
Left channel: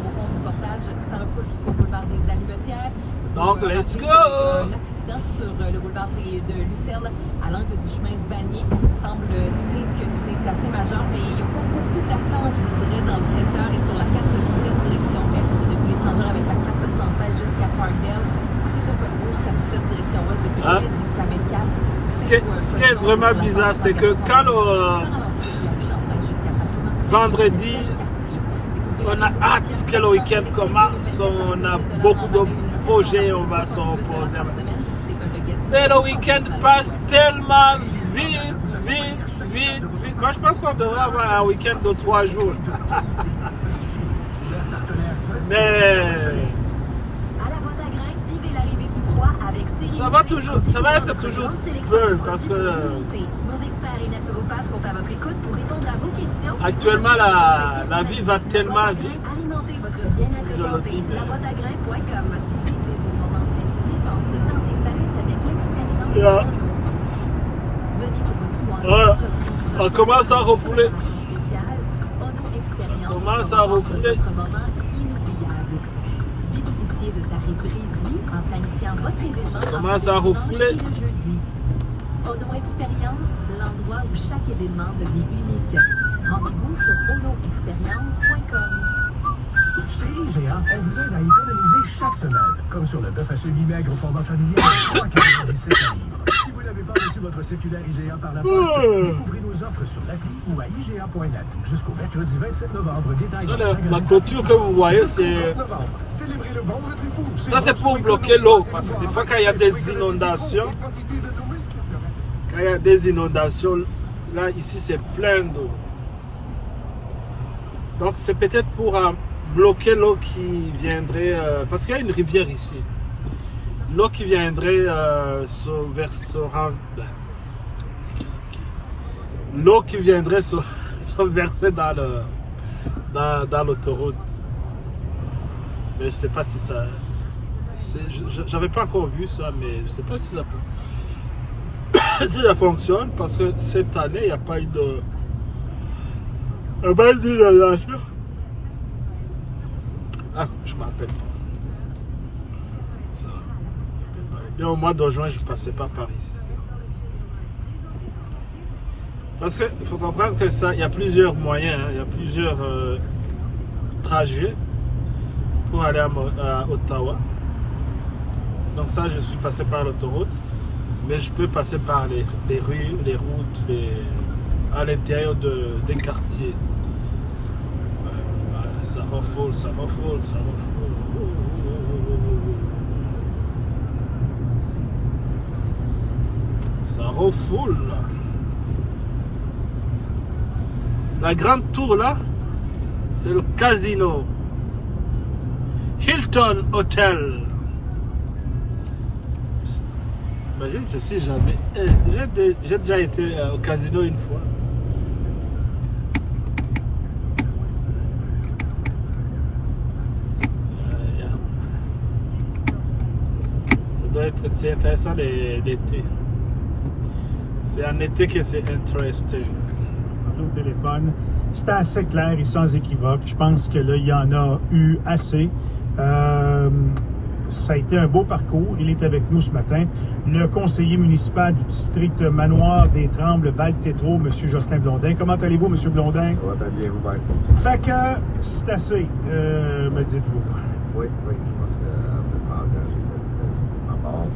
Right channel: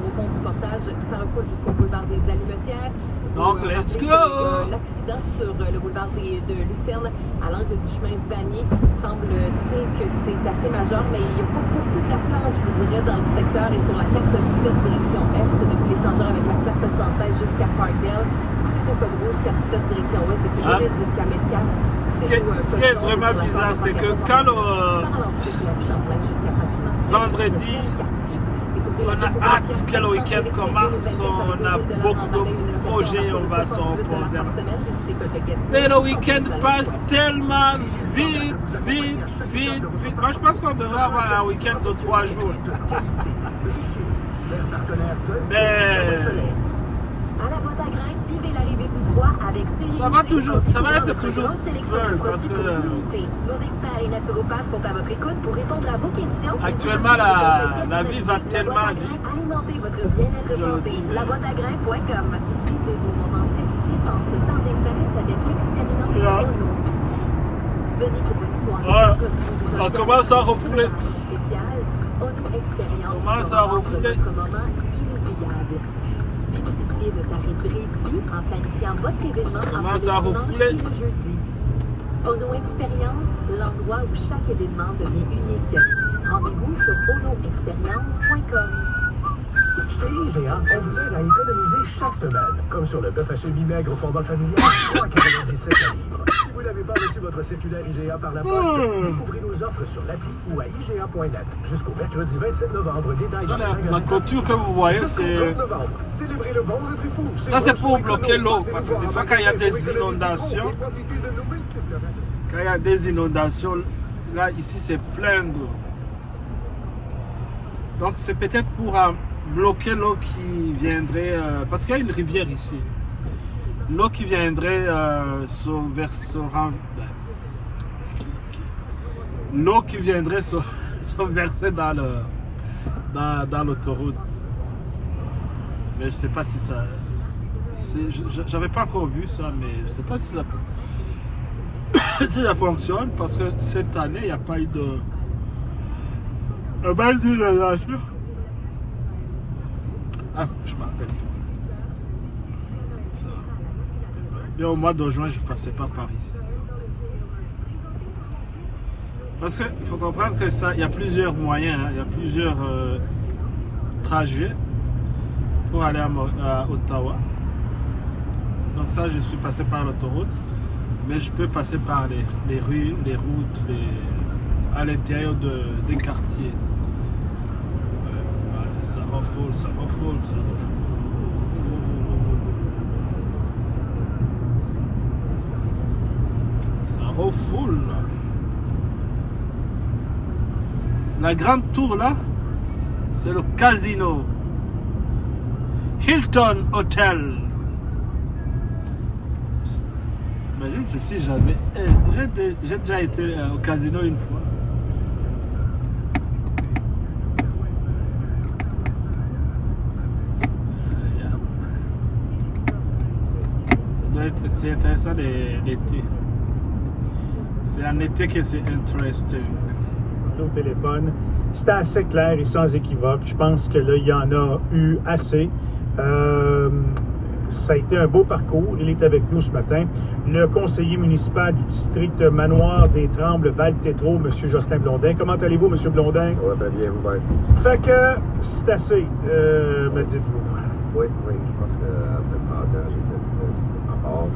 Ça refoule jusqu'au boulevard des Allumettières. Donc, let's go! L'accident sur le boulevard de Lucerne à l'angle du chemin Vanier. Semble-t-il que c'est assez majeur, mais il n'y a pas beaucoup d'attente, je vous dirais, dans le secteur et sur la 417 direction Est depuis l'échangeur avec la 416 jusqu'à Parkdale. C'est au code rouge 47 direction Ouest depuis Nice jusqu'à Metcalfe. Ce qui est vraiment bizarre, c'est que quand vendredi, on a hâte que le week-end commence, on a beaucoup de projets, on va se reposer. Mais le week-end passe tellement vite. Moi, je pense qu'on devrait avoir un week-end de 3 jours. Mais ça va être toujours peu parce que actuellement la vie va tellement vite. On commence à refouler. Ça commence à refouler. Ono Experience, l'endroit où chaque événement devient unique. Rendez-vous sur onoexperience.com. Chez IGA, on vous aide à économiser chaque semaine, comme sur le bœuf haché mi-maigre au format familial, 3,97 livres. Si vous n'avez pas reçu votre circulaire IGA par la poste, découvrez nos offres sur l'appli ou à IGA.net jusqu'au mercredi 27 novembre. La clôture que vous voyez, c'est... Ça, c'est pour bloquer l'eau, parce que des fois, quand il y a des inondations, là, ici, c'est plein d'eau. Donc, c'est peut-être pour bloquer l'eau qui viendrait... parce qu'il y a une rivière ici. L'eau qui viendrait l'eau qui viendrait se verser dans l'autoroute. Mais je sais pas si ça... J'avais pas encore vu ça, mais je sais pas si ça peut... si ça fonctionne, parce que cette année, il n'y a pas eu de... d'inondation. Ah, je m'appelle pas. Ça. Bien, au mois de juin, je passais pas par ici. Parce qu'il faut comprendre que ça, il y a plusieurs moyens, il y a plusieurs trajets pour aller à Ottawa. Donc ça, je suis passé par l'autoroute, mais je peux passer par les rues, les routes, à l'intérieur des quartiers. Ça refoule. Ça refoule. La grande tour là, c'est le casino. Hilton Hotel. Imagine, je suis jamais... J'ai déjà été au casino une fois. C'est intéressant l'été. C'est en été que c'est interesting. Au téléphone, c'était assez clair et sans équivoque. Je pense que là, il y en a eu assez. Ça a été un beau parcours. Il est avec nous ce matin. Le conseiller municipal du district Manoir des Trembles, Val-Tétro, M. Jocelyn Blondin. Comment allez-vous, M. Blondin? Ça va très bien, vous-même. Fait que c'est assez, me dites-vous. Oui, je pense qu'après 30 ans, j'ai fait ma part.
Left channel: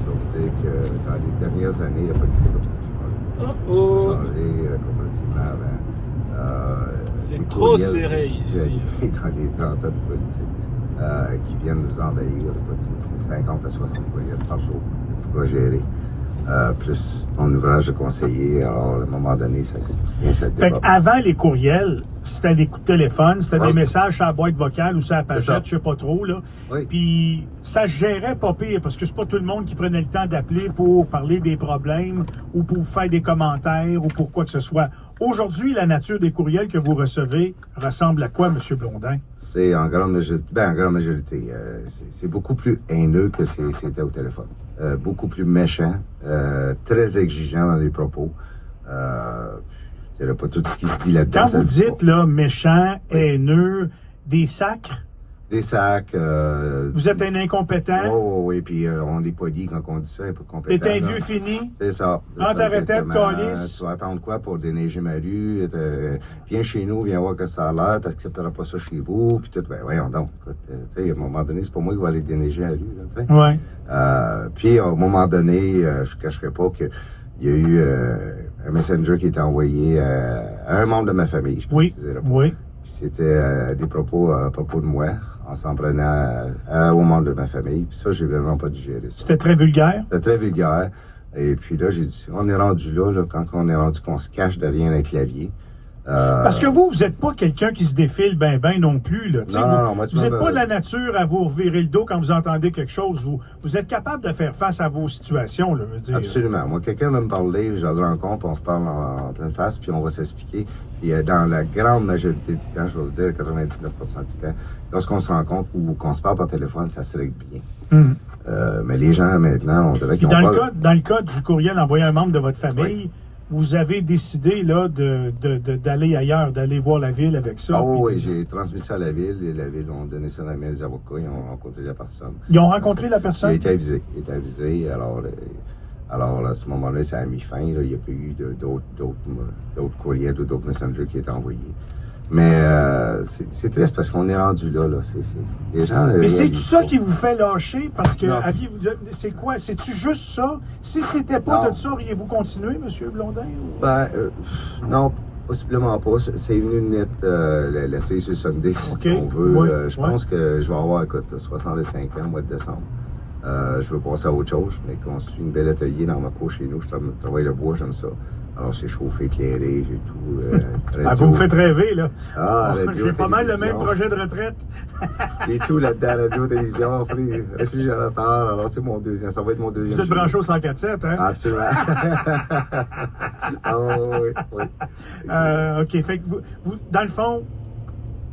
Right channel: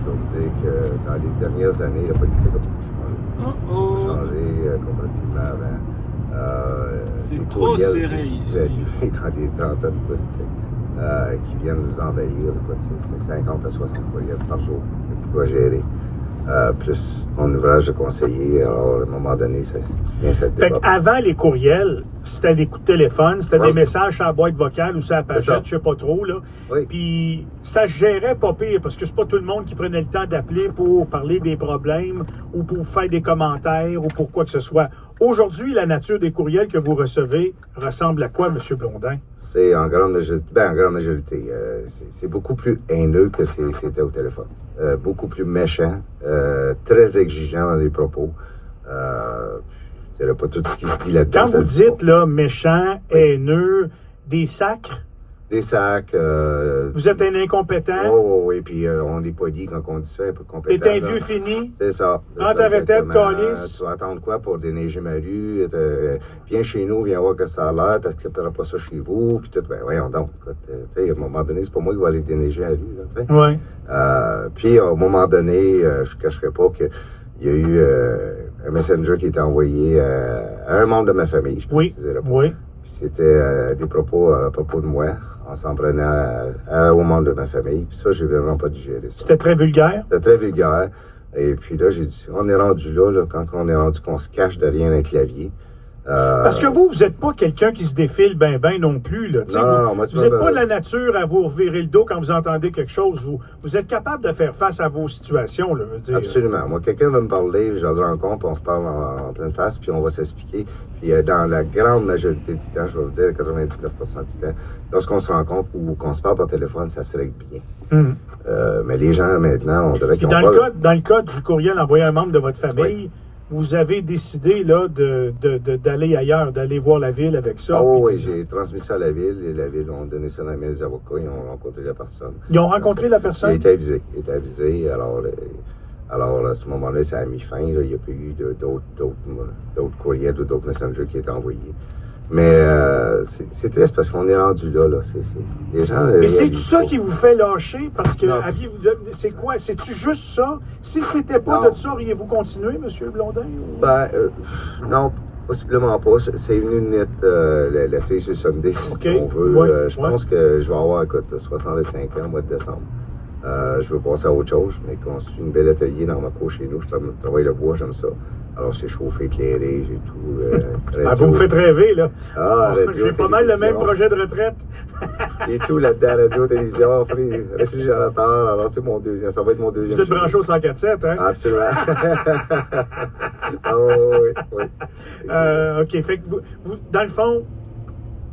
Je vais vous dire que dans les dernières années, la politique a beaucoup changé comparativement avant. C'est trop serré ici. Dans les 30 ans de politique. Qui viennent nous envahir. C'est 50 à 60 courriels par jour. C'est pas géré. Plus mon ouvrage de conseiller. Alors, à un moment donné, ça vient cette Fait qu'avant les courriels, c'était des coups de téléphone, c'était des messages sur la boîte vocale ou sur la pagette, je sais pas trop, là. Oui. Puis ça se gérait pas pire, parce que c'est pas tout le monde qui prenait le temps d'appeler pour parler des problèmes ou pour faire des commentaires ou pour quoi que ce soit. Aujourd'hui, la nature des courriels que vous recevez ressemble à quoi, M. Blondin? C'est en grande majorité. C'est beaucoup plus haineux que c'était au téléphone. Beaucoup plus méchant, très exigeant dans les propos. Je dirais pas tout ce qui se dit là-dedans. Quand vous dites là, méchant, haineux, des sacres, Des sacs. Vous êtes un incompétent? Oui, puis on est poli quand on dit ça, un peu compétent. T'es un vieux fini? C'est ça. Prends ta retraite, calice. Tu vas attendre quoi pour déneiger ma rue? Viens chez nous, viens voir que ça a l'air, t'accepteras pas ça chez vous, puis tout. Ben voyons donc. À un moment donné, c'est pas moi qui vais aller déneiger la rue. Oui. Puis à un moment donné, je ne cacherai pas qu'il y a eu un messenger qui était envoyé à un membre de ma famille. Oui. Puis c'était des propos à propos de moi. On s'en prenait aux membres de ma famille. Puis ça, j'ai vraiment pas digéré ça. C'était très vulgaire? C'était très vulgaire. Et puis là, j'ai dit, on est rendu là, quand on est rendu qu'on se cache derrière un clavier. Parce que vous n'êtes pas quelqu'un qui se défile ben non plus. Là, non, vous n'êtes pas de la nature à vous revirer le dos quand vous entendez quelque chose. Vous êtes capable de faire face à vos situations, là, je veux dire. Absolument. Moi, quelqu'un va me parler, je le rencontre, puis on se parle en pleine face, puis on va s'expliquer. Puis dans la grande majorité du temps, je vais vous dire 99% du temps, lorsqu'on se rencontre ou qu'on se parle par téléphone, ça se règle bien. Mais les gens, maintenant, on dirait qu'ils dans le cas du courriel envoyé à un membre de votre famille, vous avez décidé là, d'aller ailleurs, d'aller voir la ville avec ça. Oui, j'ai transmis ça à la ville et la ville ont donné ça dans les mains des avocats. Ils ont rencontré la personne. Ils ont rencontré la personne? Il était avisé. Alors à ce moment-là, ça a mis fin. Là. Il n'y a pas eu d'autres courriels ou d'autres messengers qui étaient envoyés. Mais c'est triste parce qu'on est rendu là. Les gens, mais c'est tout ça qui vous fait lâcher? Parce que c'est quoi? C'est-tu juste ça? Si c'était pas de ça, auriez-vous continué, M. Blondin? Non, possiblement pas. C'est venu de mettre la série sur Sunday, si on veut. Je pense que je vais avoir 65 ans au mois de décembre. Je veux passer à autre chose. J'ai construit une belle atelier dans ma cour chez nous. Je travaille le bois, j'aime ça. Alors, c'est chauffé, éclairé, j'ai tout. Vous me faites rêver, là. J'ai pas mal le même projet de retraite. J'ai tout là-dedans, radio, télévision, réfrigérateur. Alors, c'est mon deuxième. Ça va être mon deuxième. Vous êtes branché au 104.7, hein? Absolument. oui. OK. Fait que vous, dans le fond,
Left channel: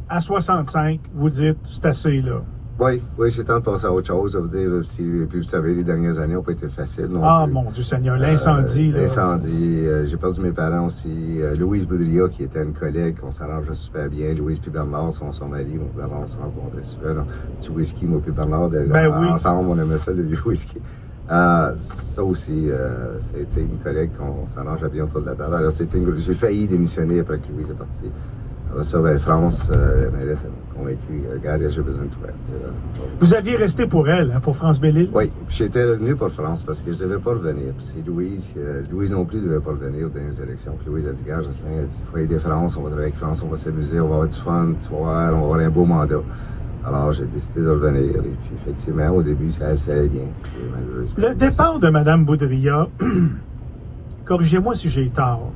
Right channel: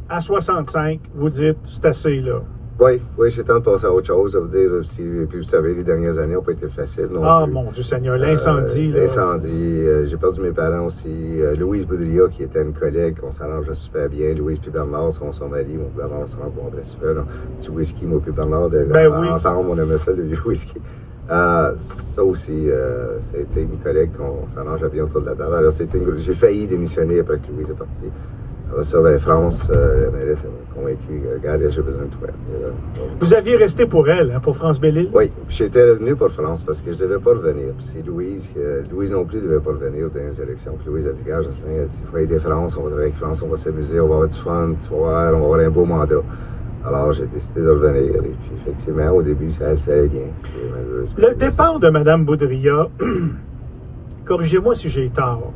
à 65, vous dites, c'est assez, là. Oui, j'ai le temps de passer à autre chose, ça veut dire aussi. Et puis, vous savez, les dernières années n'ont pas été faciles. Mon Dieu Seigneur, l'incendie. L'incendie, j'ai perdu mes parents aussi. Louise Boudria, qui était une collègue, on s'arrangeait super bien. Louise puis Bernard sont son mari. Mon Bernard, on se rencontrait super. Petit whisky, moi puis Bernard, ensemble, on aimait ça, le whisky. Ça aussi, ça a été une collègue qu'on s'arrangeait bien autour de la table. Alors, j'ai failli démissionner après que Louise est partie. Ça, France, la mairesse m'a convaincu. Regarde, j'ai besoin de toi. Vous aviez resté pour elle, hein, pour France Belle-Île? Oui, puis j'étais revenu pour France parce que je ne devais pas revenir. Puis c'est Louise non plus ne devait pas revenir aux dernières élections. Puis Louise a dit, regarde, Jocelyn, il faut aider France, on va travailler avec France, on va s'amuser, on va avoir du fun, tu vas voir, on va avoir un beau mandat. Alors, j'ai décidé de revenir. Et puis, effectivement, au début, ça allait bien. Le départ de Mme Boudria, corrigez-moi si j'ai tort,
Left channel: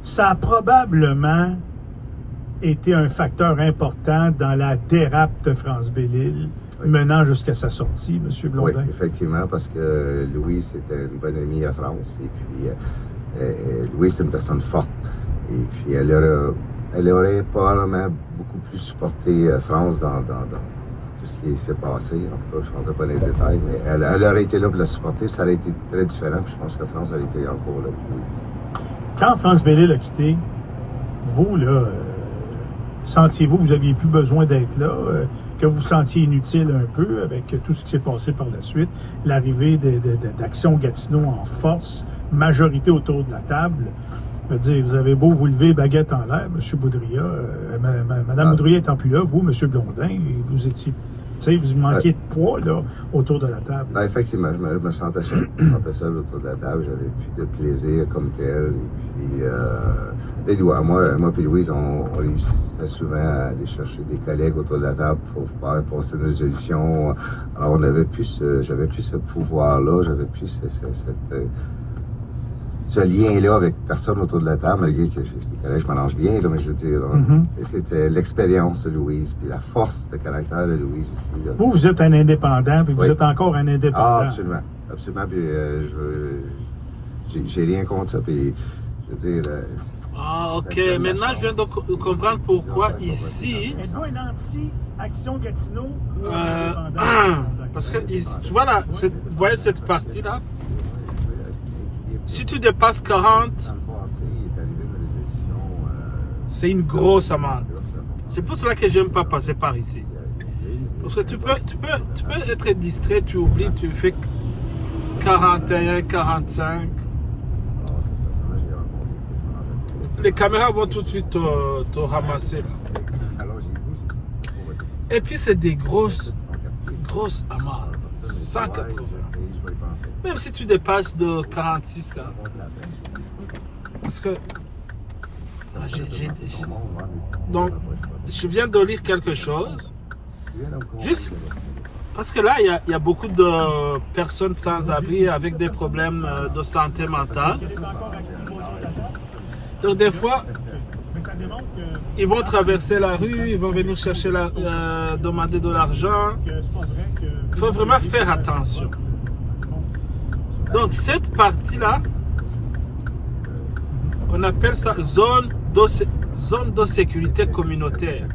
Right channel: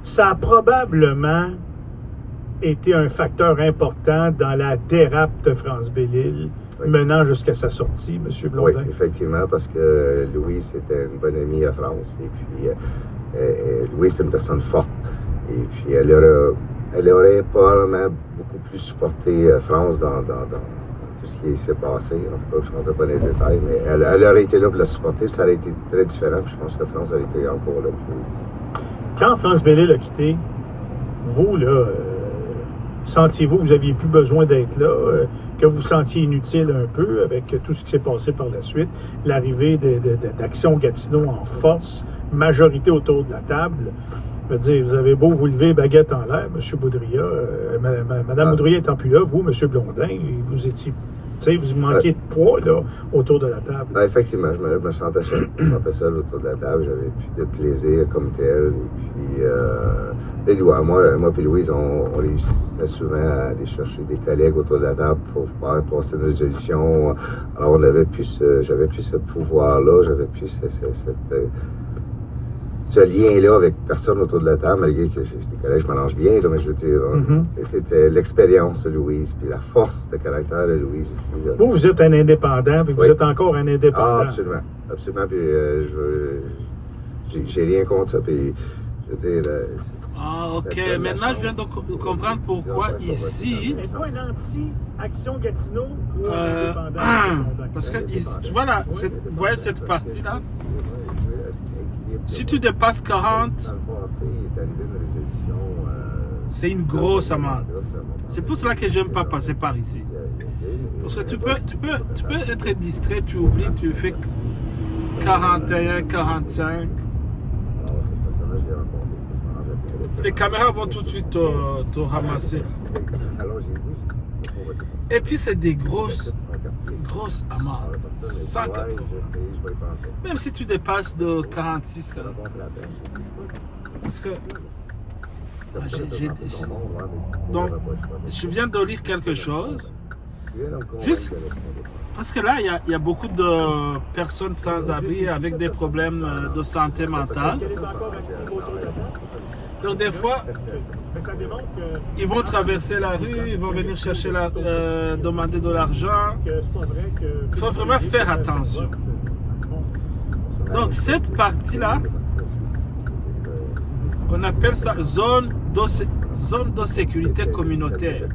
ça a probablement été un facteur important dans la dérape de France Belle-Île, menant jusqu'à sa sortie, M. Blondin. Oui, effectivement, parce que Louise était une bonne amie à France. Et puis, Louise, c'est une personne forte. Et puis, elle aurait probablement beaucoup plus supporté France dans tout ce qui s'est passé. En tout cas, je ne compte pas les détails, mais elle aurait été là pour la supporter, puis ça aurait été très différent. Puis je pense que France aurait été encore là. Quand France Belle-Île a quitté, vous, là, sentiez-vous que vous n'aviez plus besoin d'être là, que vous vous sentiez inutile un peu avec tout ce qui s'est passé par la suite, l'arrivée d'Action Gatineau en force, majorité autour de la table? Je veux dire, vous avez beau vous lever baguette en l'air, M. Boudria, Mme Boudria étant plus là, vous, M. Blondin, vous étiez... vous manquiez de poids là, autour de la table. Effectivement, je me sentais seul. Je me sentais seul autour de la table. J'avais plus de plaisir comme tel. Et puis, moi et Louise, on réussissait souvent à aller chercher des collègues autour de la table pour passer une résolution. Alors, j'avais plus ce pouvoir-là, j'avais plus ce lien-là avec personne autour de la table, malgré que je mélange bien, là, mais je veux dire, c'était l'expérience de Louise, puis la force de caractère de Louise aussi. Là. Vous êtes un indépendant, puis vous êtes encore un indépendant. Ah, absolument. Absolument, puis j'ai rien contre ça, puis je veux dire... ok, maintenant je viens de comprendre pourquoi ici... Mais quoi, l'anti-Action Gatineau? Parce que, tu vois là, vous voyez cette partie-là? Si tu dépasses 40, c'est une grosse amende. C'est pour cela que j'aime pas passer par ici. Parce que tu peux être distrait, tu oublies, tu fais 41, 45. Les caméras vont tout de suite te ramasser. Et puis c'est des grosses amarres. 180. Même si tu dépasses de 46, quand même. Parce que donc, je viens de lire quelque chose. Juste parce que là, il y a beaucoup de personnes sans abri avec des problèmes de santé mentale. Donc, des fois, ils vont traverser la rue, ils vont venir chercher demander de l'argent. Il faut vraiment faire attention. Donc, cette partie-là, on appelle ça zone de sécurité communautaire.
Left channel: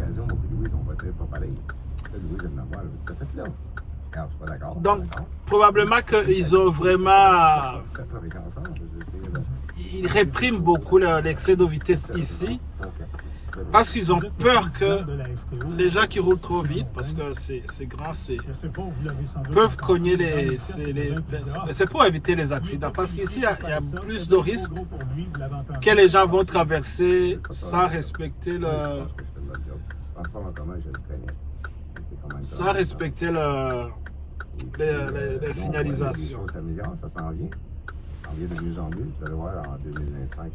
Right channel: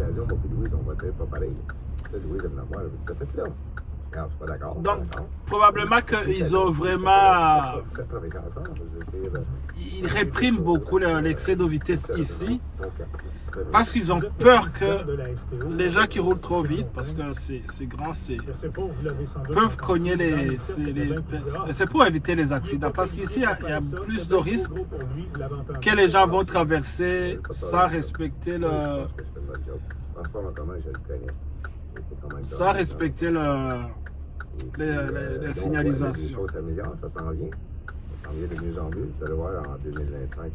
Donc, probablement qu'ils ont vraiment... Ils répriment beaucoup l'excès de vitesse ici parce qu'ils ont peur que les gens qui roulent trop vite, parce que c'est grand, peuvent cogner les... C'est pour éviter les accidents. Parce qu'ici, il y a plus de risques que les gens vont traverser sans respecter les signalisations.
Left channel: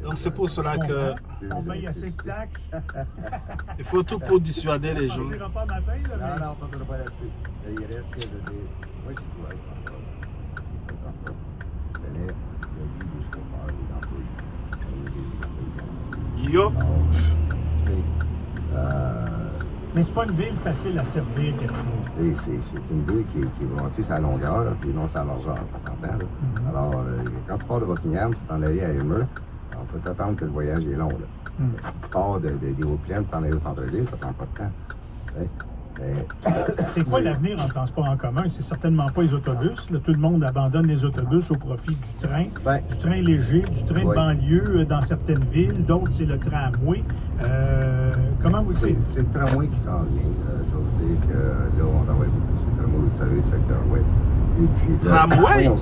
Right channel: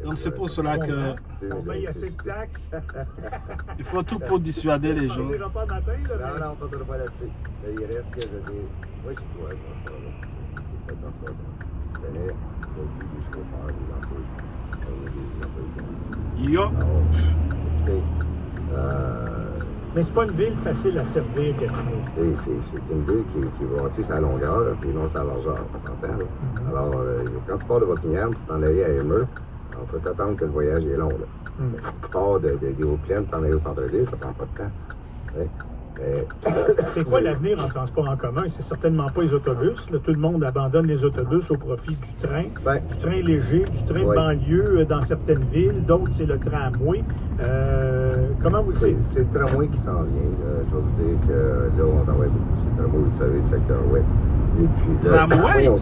Donc c'est pour cela que il faut tout pour dissuader les gens. Yo. Mais c'est pas une ville facile à servir, Gatineau. C'est une ville qui bâtit sa longueur, puis non sa largeur. Alors, quand tu pars de Buckingham pour t'en aller à Elmer, il faut t'attendre que le voyage est long. Si tu pars des Hauts-Plaines pour t'en aller au centre-ville, ça prend pas de temps. C'est quoi l'avenir en transport en commun? C'est certainement pas les autobus. Là, tout le monde abandonne les autobus au profit du train léger, du train de banlieue dans certaines villes. D'autres, c'est le tramway. Comment vous dites? C'est le tramway qui s'en vient. Je veux dire que là, on aurait beaucoup de tramway, vous savez, le secteur ouest. Tramway?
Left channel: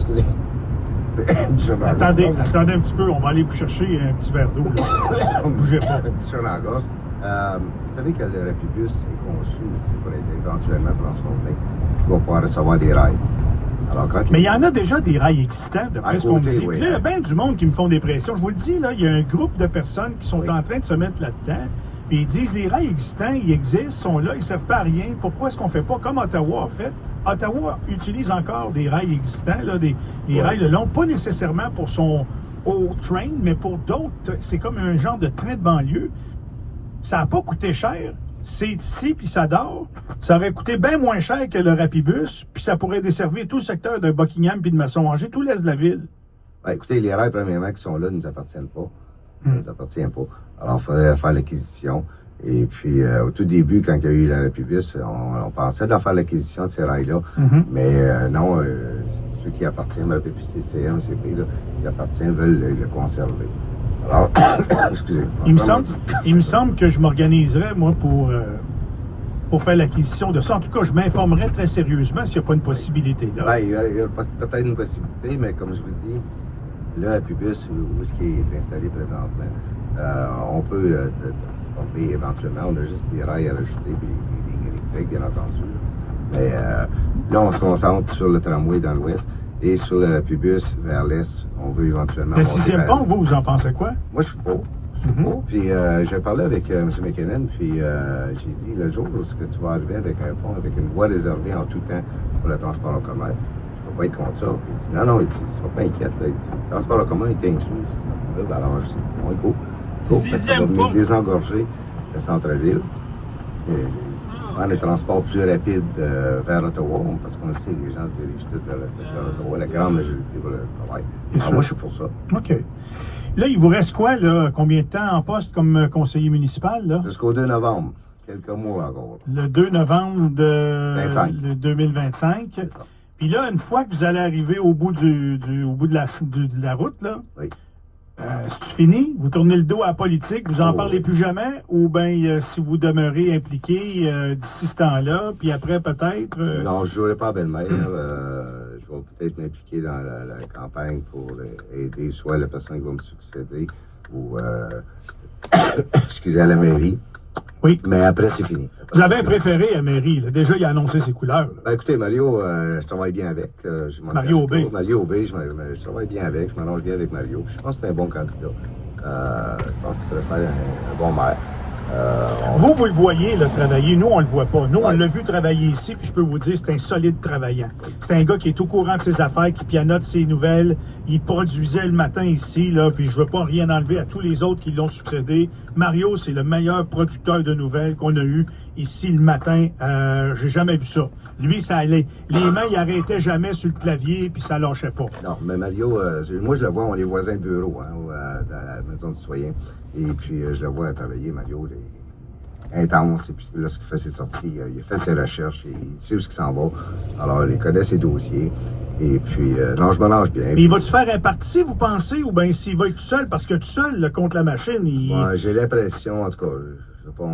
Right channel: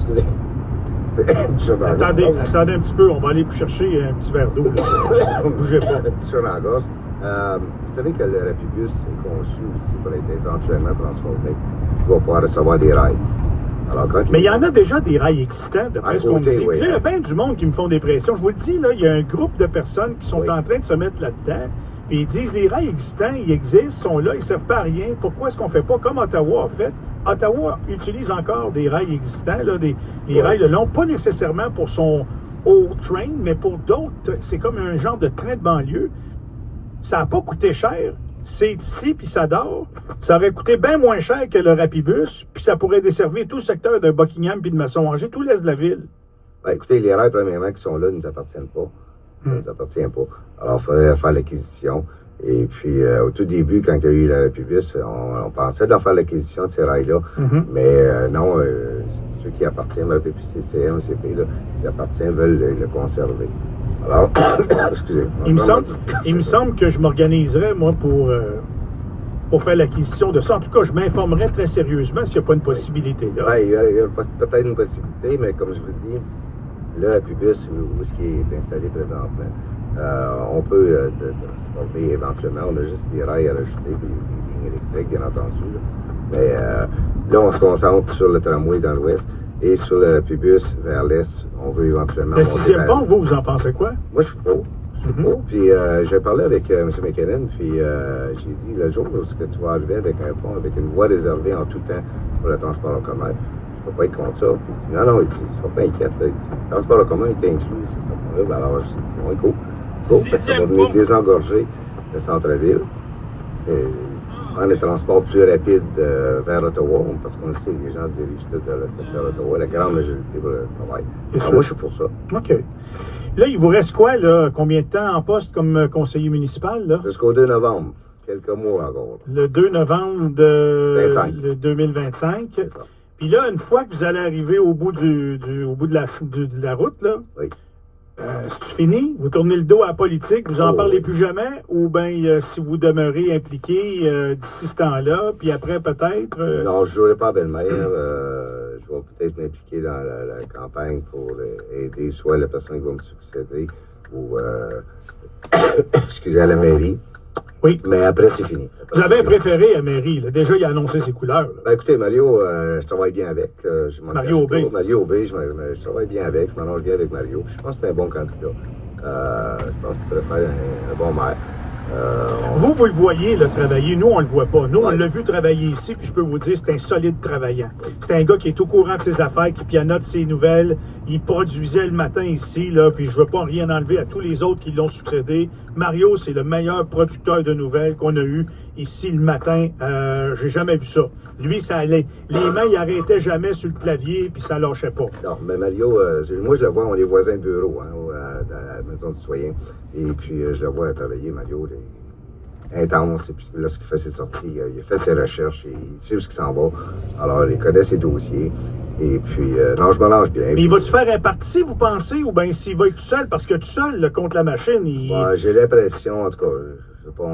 Attendez un petit peu, on va aller vous chercher un petit verre d'eau. Bougez pas. Sur la gorge. Vous savez que le Rapibus est conçu ici pour être éventuellement transformé pour pouvoir recevoir des rails. Alors, mais il y en a déjà des rails existants, d'après ce qu'on me dit. Oui, là, il y a bien du monde qui me font des pressions. Je vous le dis, là, il y a un groupe de personnes qui sont en train de se mettre là-dedans. Puis ils disent, les rails existants, ils existent, sont là, ils ne servent pas à rien. Pourquoi est-ce qu'on ne fait pas comme Ottawa a fait? Ottawa utilise encore des rails existants, là, des rails le long, pas nécessairement pour son old train, mais pour d'autres. C'est comme un genre de train de banlieue. Ça n'a pas coûté cher. C'est ici, puis ça dort. Ça aurait coûté bien moins cher que le Rapibus, puis ça pourrait desservir tout le secteur de Buckingham puis de Masson-Angers, tout l'est de la ville. Ben, écoutez, les rails, premièrement, qui sont là, ne nous appartiennent pas. Ça ne nous appartient pas. Alors, il faudrait faire l'acquisition. Et puis, au tout début, quand il y a eu le Rapibus, on pensait d'en faire l'acquisition de ces rails-là. Mais non, ceux qui appartiennent, le PPCCM, le CP, là, qui appartiennent, veulent le conserver. Alors, excusez. Il me semble que je m'organiserais, moi, pour faire l'acquisition de ça. En tout cas, je m'informerais très sérieusement s'il n'y a pas une possibilé là. Ben, il y a peut-être une possibilité, mais comme je vous dis, le Rapibus, où ce qui est installé présentement, on peut transformer éventuellement. On a juste des rails à rajouter, puis une électrique, bien entendu. Mais là, on se concentre sur le tramway dans l'ouest. Et sur le Rapibus vers l'est, on veut éventuellement... Le 6e pont, vous en pensez quoi? Moi, je suis pour. Puis j'ai parlé avec M. McKinnon, puis j'ai dit, le jour où tu vas arriver avec un pont, avec une voie réservée en tout temps pour le transport en commun, je ne peux pas être contre ça. Puis il dit, non, il ne sois pas inquiète. Là. Il dit, le transport en commun est inclus. Alors, je dis, bon, il faut. Sixième pont. Désengorger le centre-ville. Prendre les transports plus rapides vers Ottawa, parce qu'on le sait, les gens se dirigent tous vers le secteur d'Ottawa, la grande majorité pour le travail. Alors, moi, je suis pour ça. OK. Là, il vous reste quoi, là? Combien de temps en poste comme conseiller municipal, là? Jusqu'au 2 novembre. Quelques mois encore. Le 2 novembre de 2025. C'est ça. Puis là, une fois que vous allez arriver au bout de la route, là, C'est-tu fini? Vous tournez le dos à la politique, vous en parlez plus jamais? Ou bien si vous demeurez impliqué d'ici ce temps-là, puis après peut-être... Non, je ne jouerai pas à Belle-Mère. Je vais peut-être m'impliquer dans la campagne pour aider soit la personne qui va me succéder ou excusez, à la mairie. Oui. Mais après, c'est fini. Vous avez un préféré à mairie, là. Déjà, il a annoncé ses couleurs. Ben, écoutez, Mario, je travaille bien avec. Mario Aubé. Mario Aubé, je travaille bien avec, je m'arrange bien avec Mario. Je pense que c'est un bon candidat. Je pense qu'il pourrait faire un bon maire. Vous le voyez là, travailler, nous on le voit pas. Nous on l'a vu travailler ici, puis je peux vous dire c'est un solide travaillant. C'est un gars qui est au courant de ses affaires, qui pianote ses nouvelles. Il produisait le matin ici, là, puis je veux pas rien enlever à tous les autres qui l'ont succédé. Mario, c'est le meilleur producteur de nouvelles qu'on a eu ici le matin. J'ai jamais vu ça. Lui, ça allait. Les mains, il arrêtait jamais sur le clavier, puis ça lâchait pas. Non, mais Mario, moi je le vois, on est voisins de bureau, dans la maison du citoyen. Et puis, je le vois travailler, Mario, intense. Et puis, lorsqu'il fait ses sorties, il fait ses recherches, il sait où il s'en va. Alors, il connaît ses dossiers. Et puis, non, je me lance bien. Mais il va-tu faire un parti, vous pensez, ou bien s'il va être tout seul? Parce que tout seul, là, contre la machine, il... Ouais, j'ai l'impression, en tout cas,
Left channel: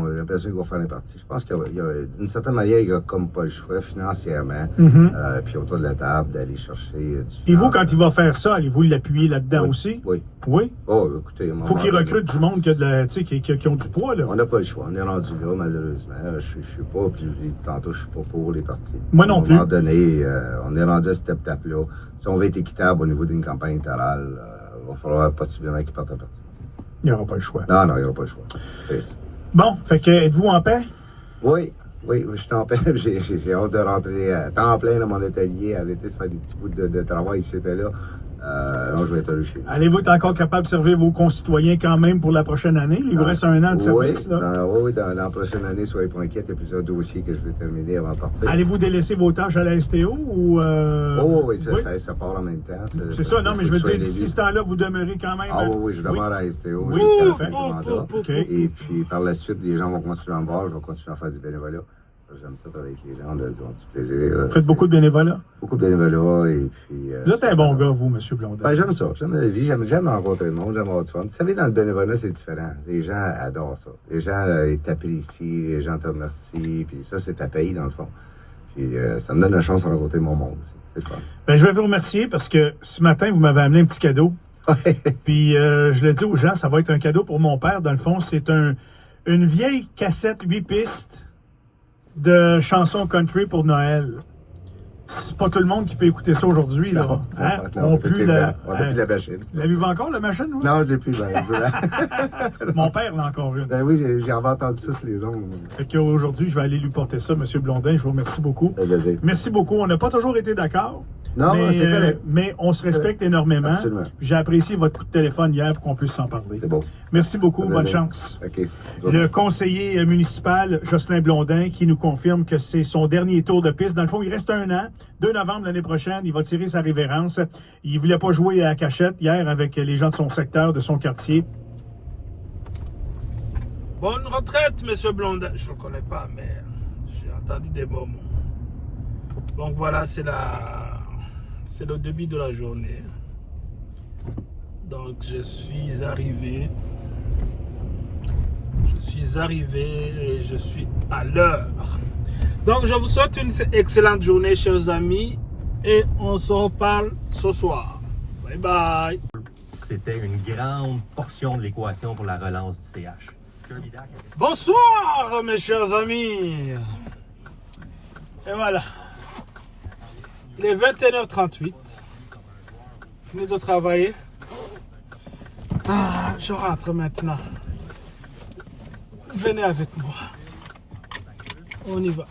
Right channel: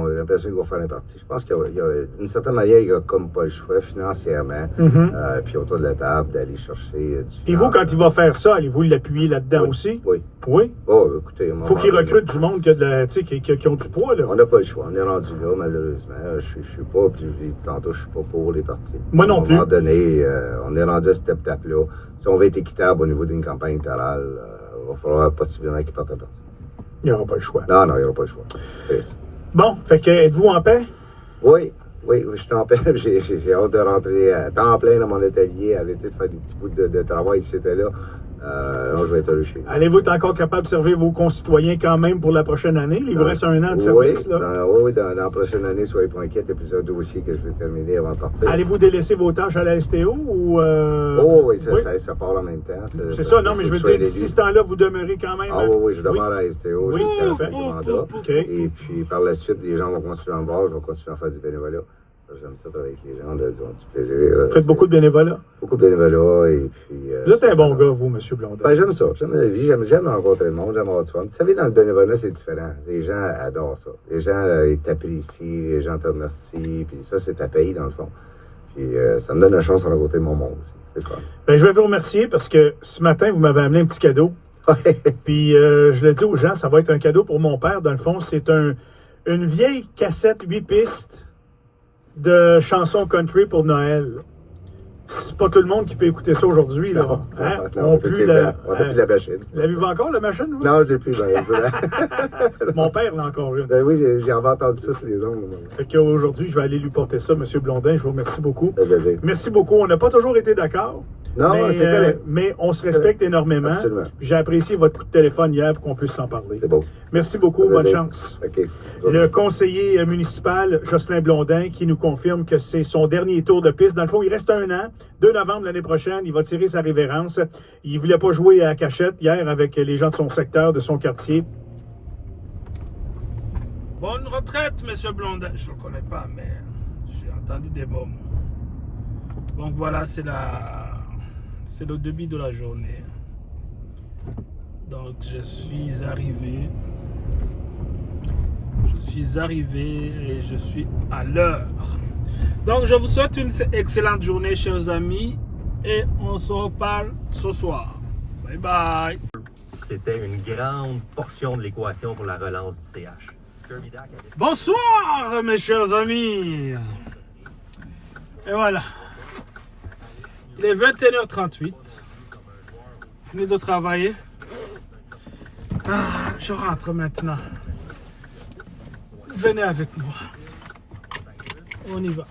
j'ai l'impression qu'il va faire un parti. Je pense qu'il y a d'une certaine manière, il n'y a comme pas le choix financièrement, puis autour de la table, d'aller chercher du Et vous, quand il va faire ça, allez-vous l'appuyer là-dedans aussi? Oui. Oui? Oh, écoutez... Faut qu'il recrute du monde qui ont du poids, là. On n'a pas le choix. On est rendu là, malheureusement. Je suis pas, je l'ai dit tantôt, je suis pas pour les partis. Moi non plus. À un moment donné, on est rendu à cette étape-là. Si on veut être équitable au niveau d'une campagne électorale, il va falloir possiblement qu'il parte un parti. Il n'y aura pas le choix. Non, il n'y aura pas le choix. Bon, fait que êtes-vous en paix? Oui, je suis en paix. J'ai hâte de rentrer à temps plein dans mon atelier, arrêter de faire des petits bouts de travail ici et là. Non, je vais être heureux chez vous. Allez-vous être encore capable de servir vos concitoyens quand même pour la prochaine année? Il vous reste un an de service, là? Dans la prochaine année, soyez pas inquiets, il y a plusieurs dossiers que je vais terminer avant de partir. Allez-vous délaisser vos tâches à la STO ou... oui, ça part en même temps. C'est ça, non, mais je veux dire, d'ici ce temps-là, vous demeurez quand même... Oui, je demeure à la STO jusqu'à la fin du mandat. Et puis, par la suite, les gens vont continuer à me voir, je vais continuer à faire du bénévolat. J'aime ça travailler avec les gens, là, ils ont du plaisir. Vous faites beaucoup de bénévolat? Beaucoup de bénévolat, et puis... Vous êtes un bon gars, vous, M. Blondin. Ben, j'aime ça, j'aime la vie, j'aime rencontrer le monde, j'aime avoir du fun. Vous savez, dans le bénévolat, c'est différent. Les gens adorent ça. Les gens, ils t'apprécient, les gens te remercient, puis ça, c'est ta paye, dans le fond. Puis ça me donne la chance de rencontrer mon monde. C'est fun. Ben, je vais vous remercier parce que ce matin, vous m'avez amené un petit cadeau. Puis je le dis aux gens, ça va être un cadeau pour mon père. Dans le fond, c'est une vieille cassette 8 pistes de chansons country pour Noël. C'est pas tout le monde qui peut écouter ça aujourd'hui. Là. On plus la machine. L'avez-vous encore, la machine? Vous? Non, je l'ai plus. Mon père l'a encore une. Ben oui, j'ai entendu ça sur les ondes. Fait qu'aujourd'hui, je vais aller lui porter ça, M. Blondin. Je vous remercie beaucoup. Merci beaucoup. On n'a pas toujours été d'accord. Non, c'est correct. Mais on se respecte énormément. Absolument. J'ai apprécié votre coup de téléphone hier pour qu'on puisse s'en parler. C'est bon. Merci beaucoup. Bonne chance. Okay. Le conseiller municipal, Jocelyn Blondin, qui nous confirme que c'est son dernier tour de piste. Dans le fond, il reste un an. 2 novembre l'année prochaine, il va tirer sa révérence. Il ne voulait pas jouer à cachette hier avec les gens de son secteur, de son quartier. Bonne retraite, M. Blondin. Je ne le connais pas, mais j'ai entendu des mots. Donc voilà, c'est le début de la journée. Donc je suis arrivé. Et je suis à l'heure. Donc je vous souhaite une excellente journée, chers amis. Et on se reparle ce soir. Bye bye. C'était une grande portion de l'équation pour la relance du CH. Bonsoir, mes chers amis. Et voilà. Il est 21h38. Fini de travailler. Je rentre maintenant. Venez avec moi. On y va.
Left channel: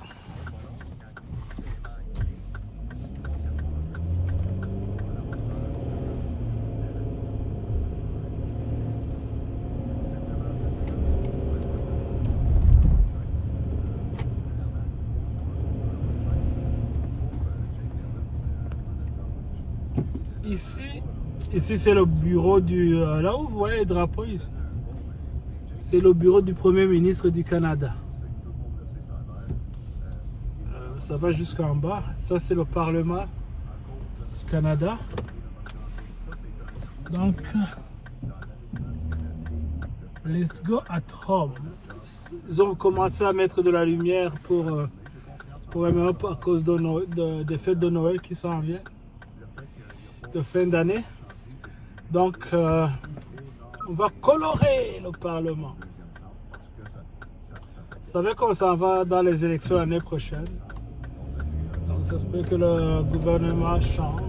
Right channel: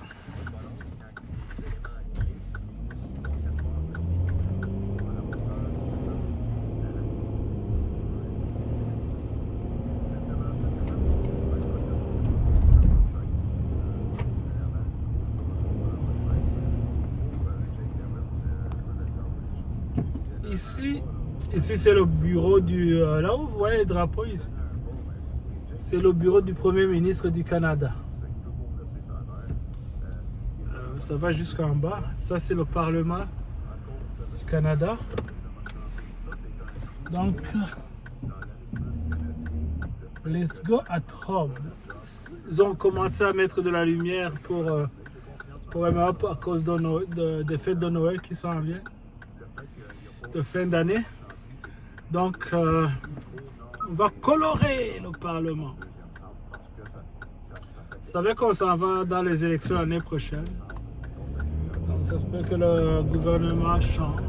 Ici c'est le bureau du... là où vous voyez les drapeaux ici. C'est le bureau du Premier ministre du Canada. Ça va jusqu'en bas. Ça c'est le Parlement du Canada. Donc, Let's go at home. Ils ont commencé à mettre de la lumière pour à cause des fêtes de Noël qui s'en viennent, de fin d'année. Donc, on va colorer le Parlement. Vous savez qu'on s'en va dans les élections l'année prochaine. Donc, ça se peut que le gouvernement change.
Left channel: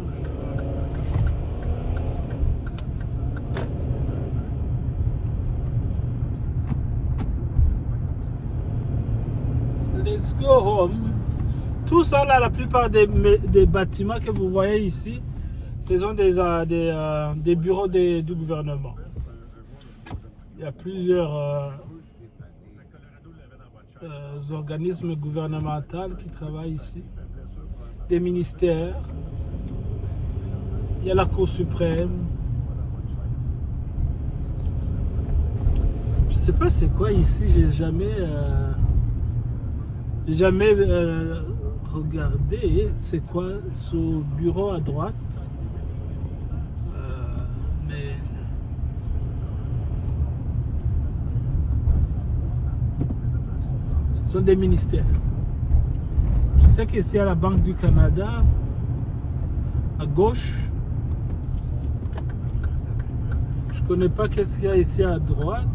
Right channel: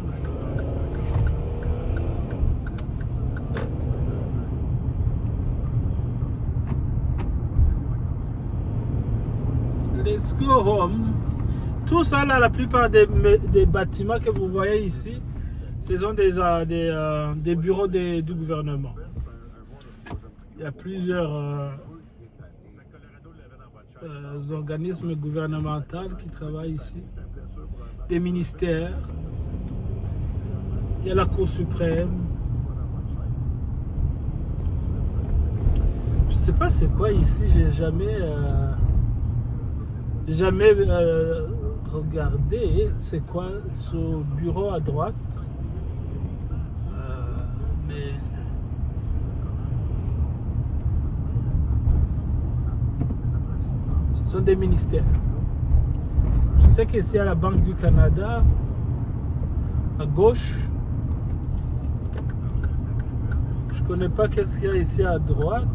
Let's go home. Tout ça là, la plupart des bâtiments que vous voyez ici, ce sont des bureaux du gouvernement. Il y a plusieurs organismes gouvernementaux qui travaillent ici. Des ministères. Il y a la Cour suprême. Je sais pas c'est quoi ici, j'ai jamais regardé c'est quoi ce bureau à droite. Mais ce sont des ministères. Je sais qu'ici il y a la Banque du Canada à gauche. Je connais pas qu'est-ce qu'il y a ici à droite.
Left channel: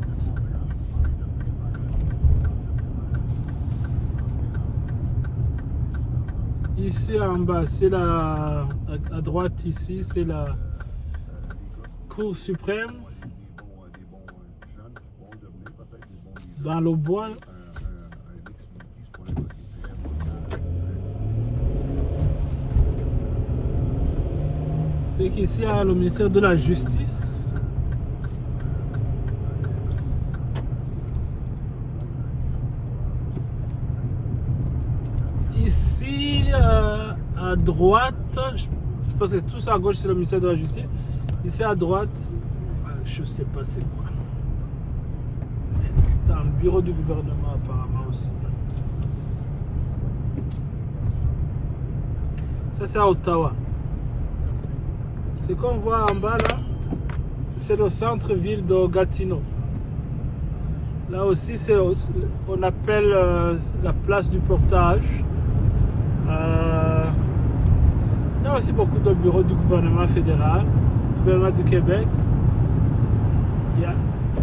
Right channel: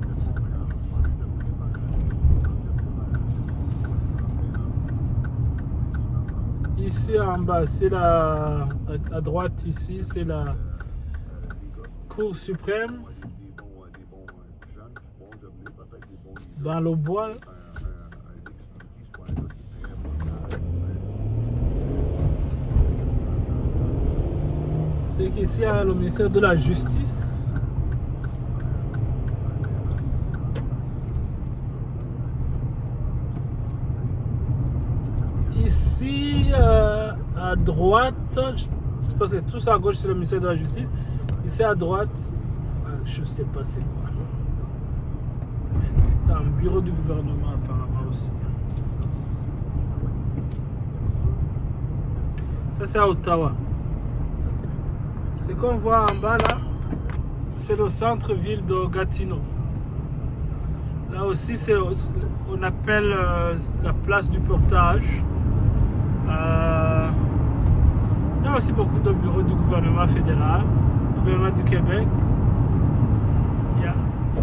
Ici en bas, c'est à droite ici, c'est la Cour suprême. Dans le bois. C'est qu'ici il y a le ministère de la Justice. Ici, à droite, je pense que tout ça à gauche c'est le ministère de la Justice. Ici à droite, je sais pas c'est quoi. C'est un bureau du gouvernement apparemment aussi. Ça c'est à Ottawa. Ce qu'on voit en bas là, c'est le centre-ville de Gatineau. Là aussi, on appelle la place du portage. Il y a aussi beaucoup de bureaux du gouvernement fédéral, du gouvernement du Québec.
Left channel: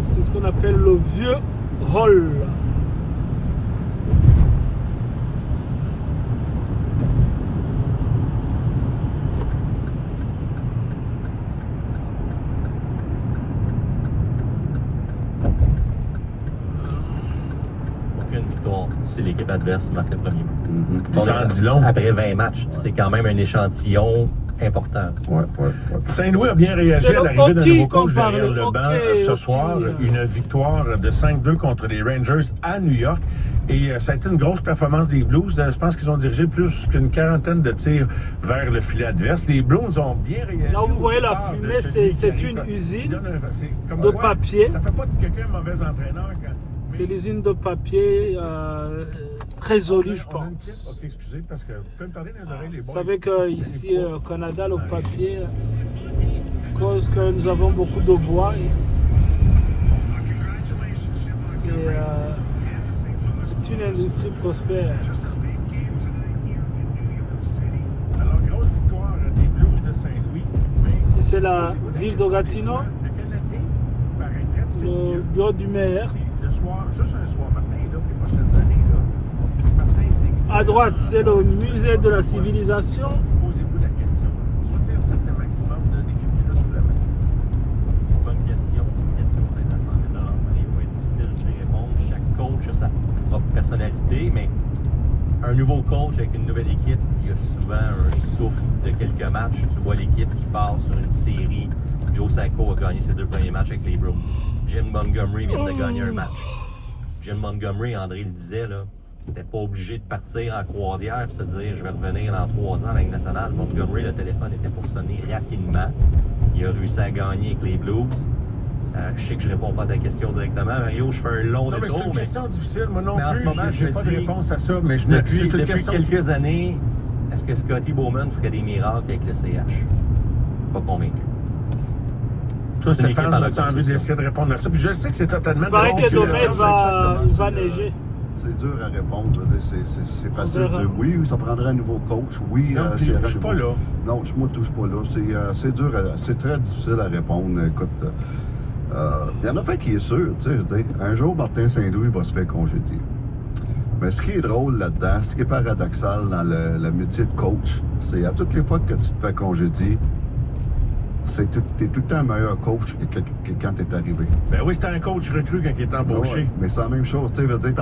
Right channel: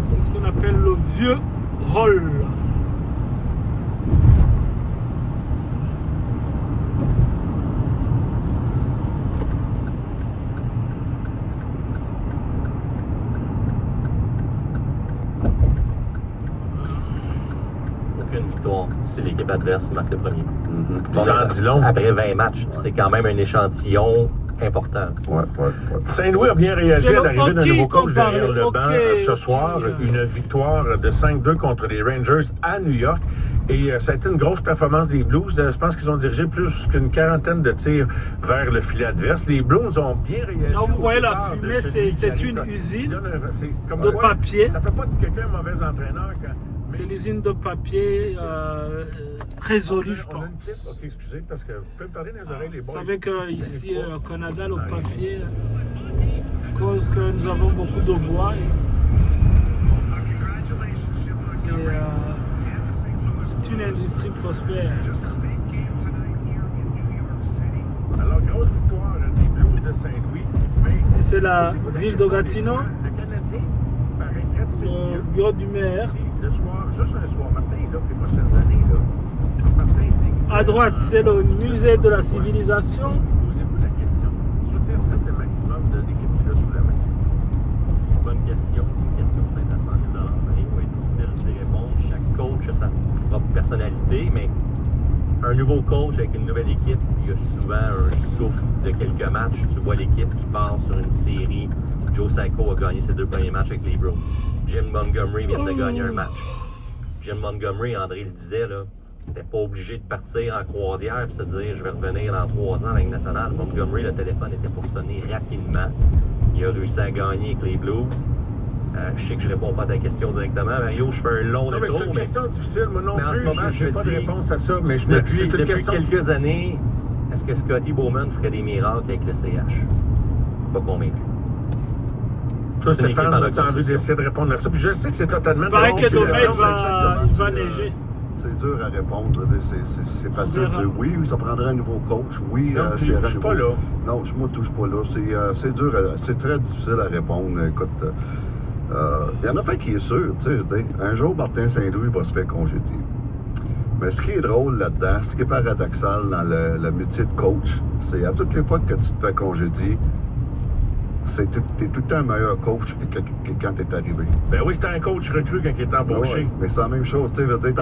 C'est ce qu'on appelle le vieux hall. Si l'équipe adverse marque le premier but. Ça en dit long. Après 20 matchs, c'est quand même un échantillon important. Saint-Louis a bien réagi à l'arrivée d'un nouveau coach derrière le banc ce soir. Une victoire de 5-2 contre les Rangers à New York. Et ça a été une grosse performance des Blues. Je pense qu'ils ont dirigé plus qu'une quarantaine de tirs vers le filet adverse. Les Blues ont bien réagi. Là, vous voyez la fumée, c'est une usine de papier. Ça fait pas de quelqu'un un mauvais entraîneur. C'est l'usine de papier résolue, je pense. Vous savez qu'ici au Canada, le papier, à cause que nous avons beaucoup de bois, c'est une industrie prospère. Ici, c'est la ville de Gatineau, le bureau du maire. À droite, c'est le musée de la civilisation. Bonne question. Les points difficiles d'y répondre. Chaque coach a sa propre personnalité, mais un nouveau coach avec une nouvelle équipe, il y a souvent un souffle de quelques matchs. Tu vois l'équipe qui part sur une série. Joe Sacco a gagné ses 2 premiers matchs avec les Bruins. Jim Montgomery vient de gagner un match. Jim Montgomery, André le disait, là, t'es pas obligé de partir en croisière et se dire je vais revenir dans 3 ans à la Ligue nationale. Montgomery, le téléphone était pour sonner rapidement. Il a réussi à gagner avec les Blues. Je sais que je réponds pas à ta question directement, Mario. Je fais un long de c'est une question difficile, moi non plus. En ce moment, je n'ai pas de réponse à ça, mais je me depuis quelques années, est-ce que Scotty Bowman ferait des miracles avec le CH? Pas convaincu. Toi, Stéphane, tu as envie d'essayer de répondre à ça. Puis je sais que c'est totalement... Il paraît que demain, il va neiger. C'est dur à répondre. C'est facile de dire oui, ça prendrait un nouveau coach. Oui, non, je ne suis pas là. Non, je ne touche pas là. C'est dur, c'est très difficile à répondre. Écoute, il y en a pas qui est sûr. Un jour, Martin Saint-Louis va se faire congédier. Mais ce qui est drôle là-dedans, ce qui est paradoxal dans le métier de coach, c'est à toutes les fois que tu te fais congédier, t'es tout le temps un meilleur coach que quand t'es arrivé. Ben oui, c'était un coach recru quand il est embauché. Oui, mais c'est la même chose, tu sais,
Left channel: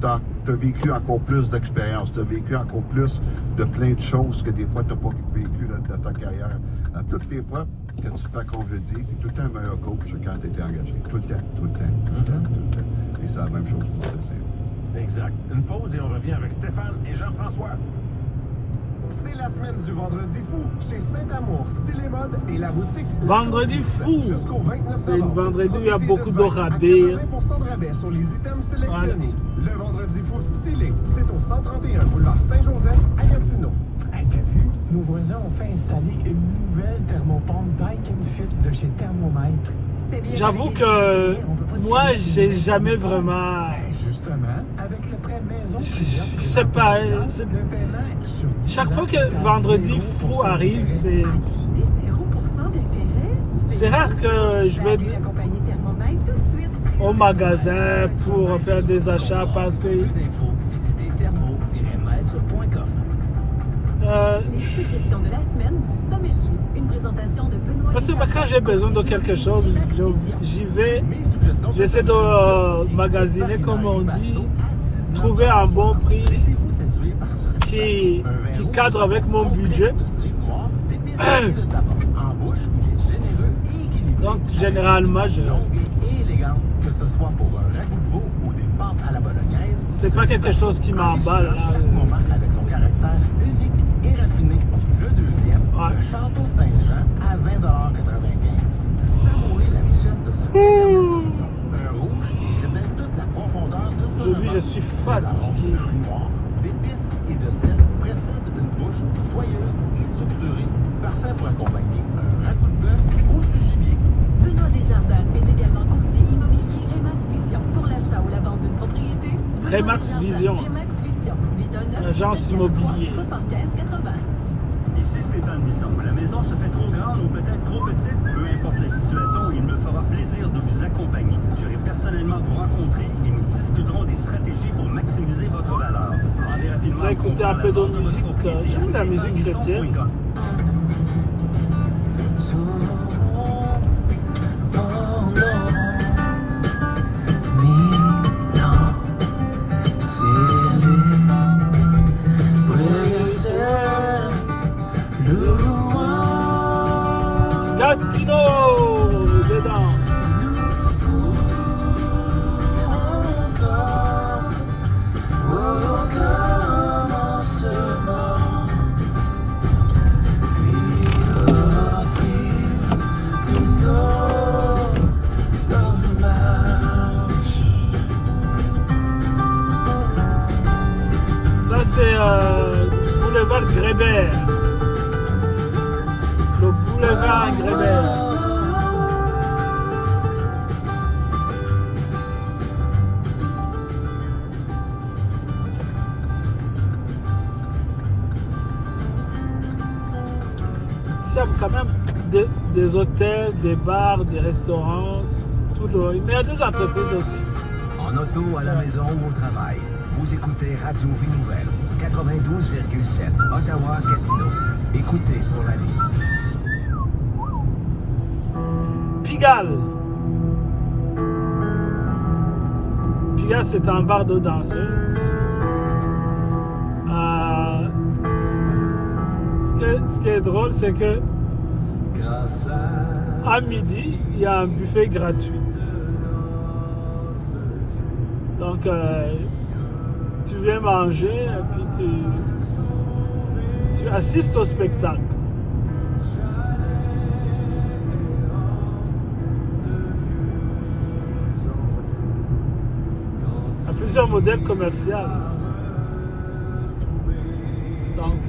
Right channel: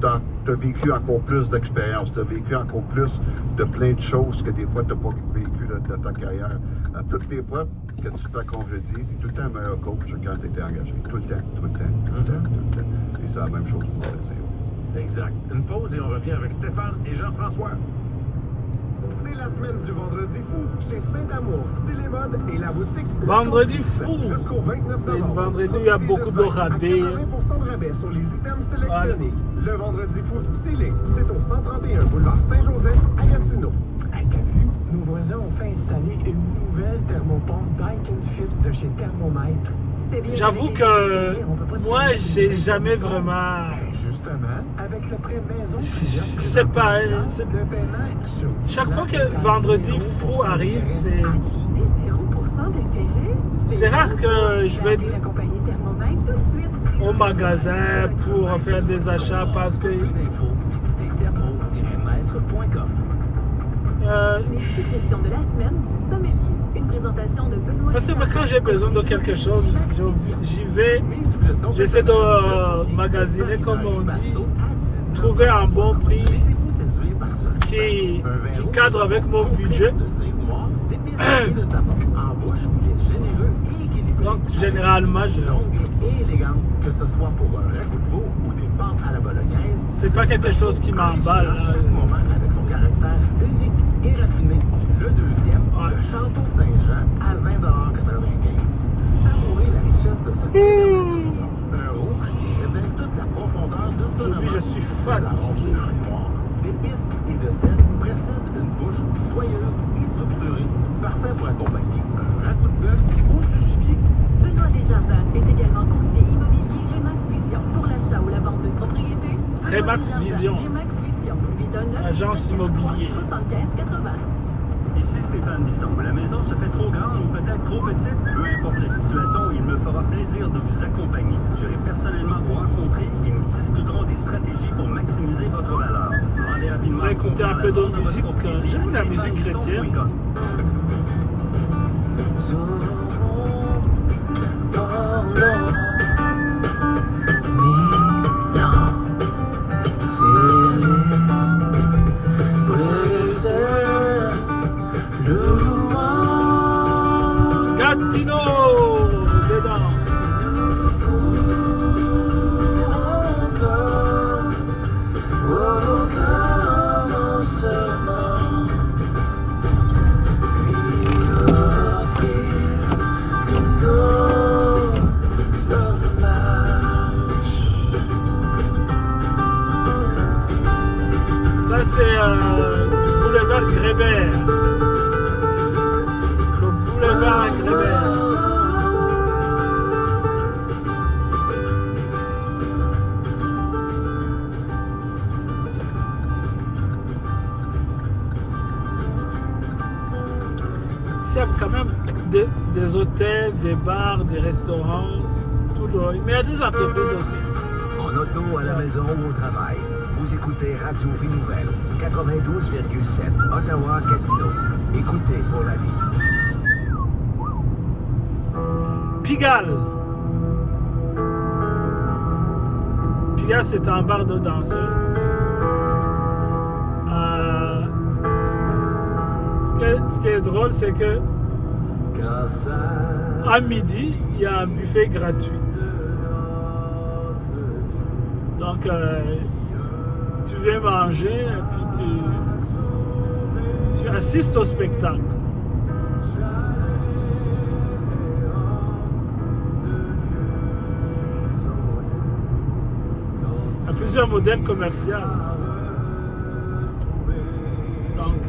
t'as vécu encore plus d'expérience, t'as vécu encore plus de plein de choses que des fois t'as pas vécu de ta carrière. À toutes les fois que tu te fais congédier, t'es tout le temps un meilleur coach que quand t'étais engagé. Tout le temps. Et c'est la même chose pour le dire. Exact. Une pause et on revient avec Stéphane et Jean-François. C'est la semaine du Vendredi Fou chez Saint-Amour, Style et Mode et la boutique Vendredi Fou! C'est une vendredi où il y a beaucoup de rabais. 80% de rabais sur les items sélectionnés. Voilà. Le Vendredi Fou stylé, c'est au 131 boulevard Saint-Joseph à Gatineau. Hey, t'as vu? Nos voisins ont fait installer une nouvelle thermopompe Bike & Fit de chez Thermomètre. J'avoue que moi, j'ai jamais vraiment... Je sais pas. Chaque fois que Vendredi Fou arrive, c'est rare que je vais au magasin pour faire des achats parce que quand j'ai besoin de quelque chose, j'y vais, j'essaie de magasiner comme on dit, trouver un bon prix qui cadre avec mon budget. Donc généralement, c'est pas quelque chose qui m'emballe là. Ouais. Aujourd'hui, je suis fatigué. Remax Vision, agence immobilière. Ici Stéphane Bisson. La maison se fait trop grande ou peut-être trop petite. Peu importe les situations, il me fera plaisir de vous accompagner. J'irai personnellement vous rencontrer et nous discuterons des stratégies pour maximiser votre valeur. Rendez rapidement. On va écouter un peu de musique. J'aime la musique chrétienne. Gatineau dedans. Ça c'est boulevard Grébert. Le boulevard Grébert. Ici, il y a quand même des hôtels, des bars, des restaurants, tout le... Mais il y a des entreprises aussi. En auto, à la maison, au travail. Vous écoutez Radio Vie Nouvelle, 92,7, Ottawa, Gatineau. Écoutez pour la vie. Pigalle. Pigalle, c'est un bar de danseuses. Ce qui est drôle, c'est que à midi, il y a un buffet gratuit. Donc, tu viens manger et puis tu assistes au spectacle. Il y a plusieurs modèles commerciaux. Donc,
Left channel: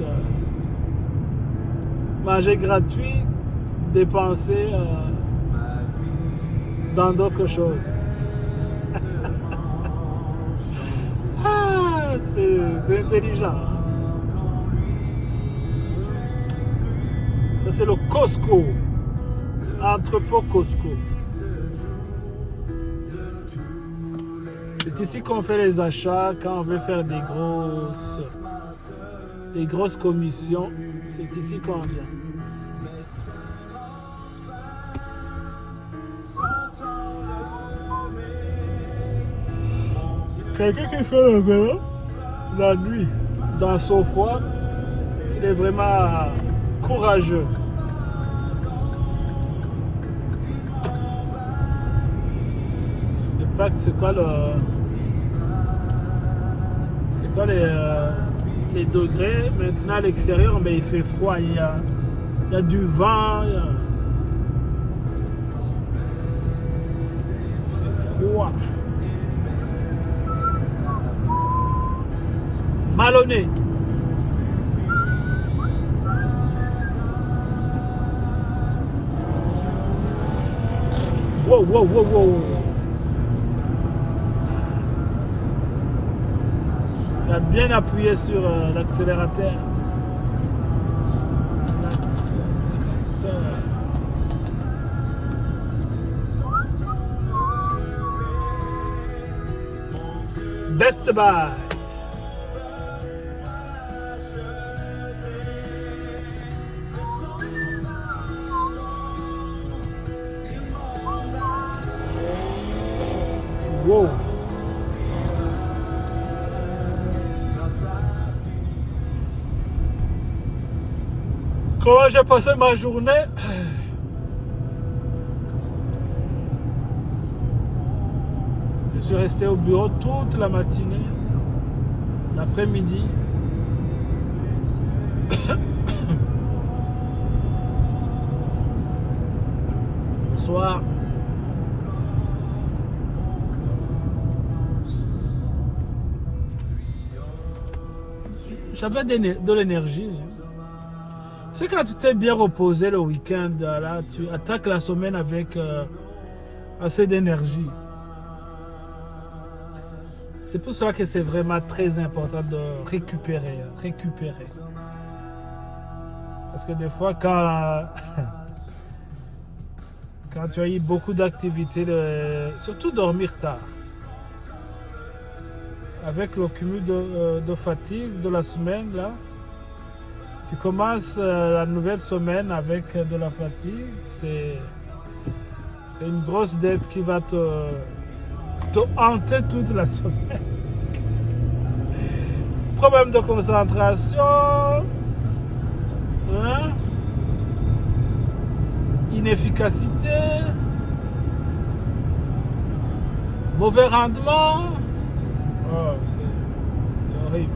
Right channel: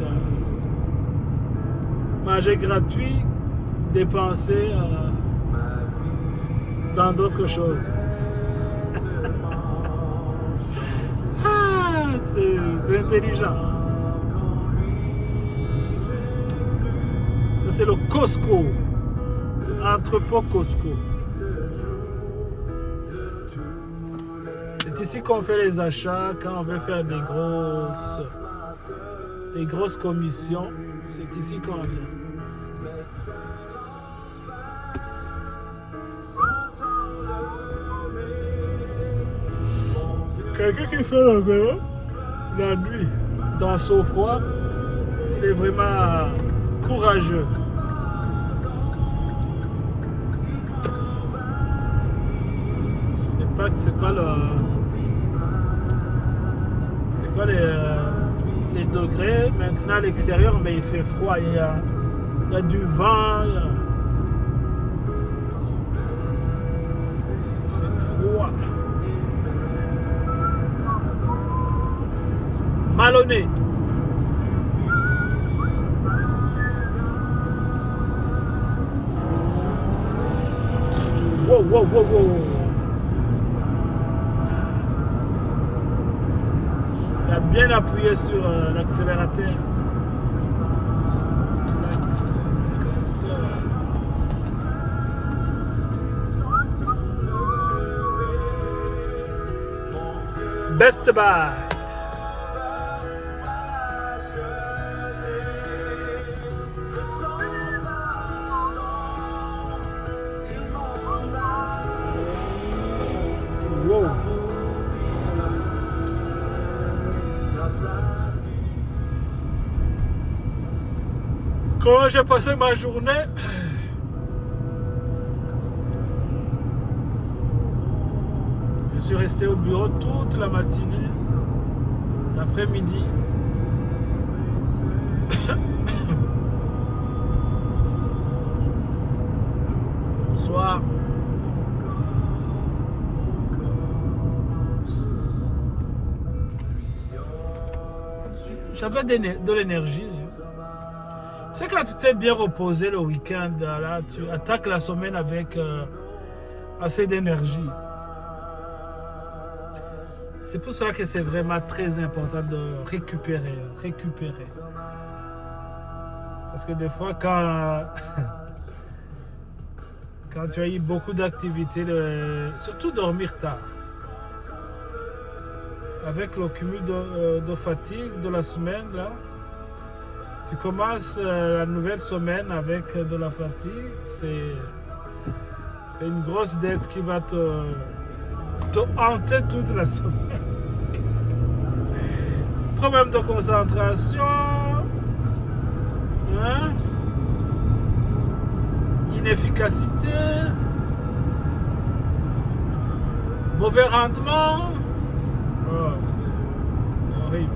manger gratuit, dépenser dans d'autres choses. Ah, c'est intelligent. Ça, c'est le Costco. Entrepôt Costco. C'est ici qu'on fait les achats quand on veut faire des grosses commissions. C'est ici qu'on vient. Quelqu'un qui fait le vélo la nuit dans son froid, il est vraiment courageux. Je sais pas c'est quoi les degrés. Maintenant à l'extérieur, mais il fait froid. Il y a du vent. C'est froid. Malonné. Wow, wow, wow, wow. Il a bien appuyé sur l'accélérateur. Best Buy. Wow. Comment j'ai passé ma journée? Je suis resté au bureau toute la matinée, l'après-midi. Le soir. J'avais de l'énergie. C'est quand tu t'es bien reposé le week-end, là, tu attaques la semaine avec assez d'énergie. C'est pour cela que c'est vraiment très important de récupérer. Parce que des fois, quand tu as eu beaucoup d'activités, surtout dormir tard, avec le cumul de fatigue de la semaine, là, tu commences la nouvelle semaine avec de la fatigue. C'est une grosse dette qui va te hanter toute la semaine. Problème de concentration, hein? Inefficacité, mauvais rendement. Oh, c'est horrible.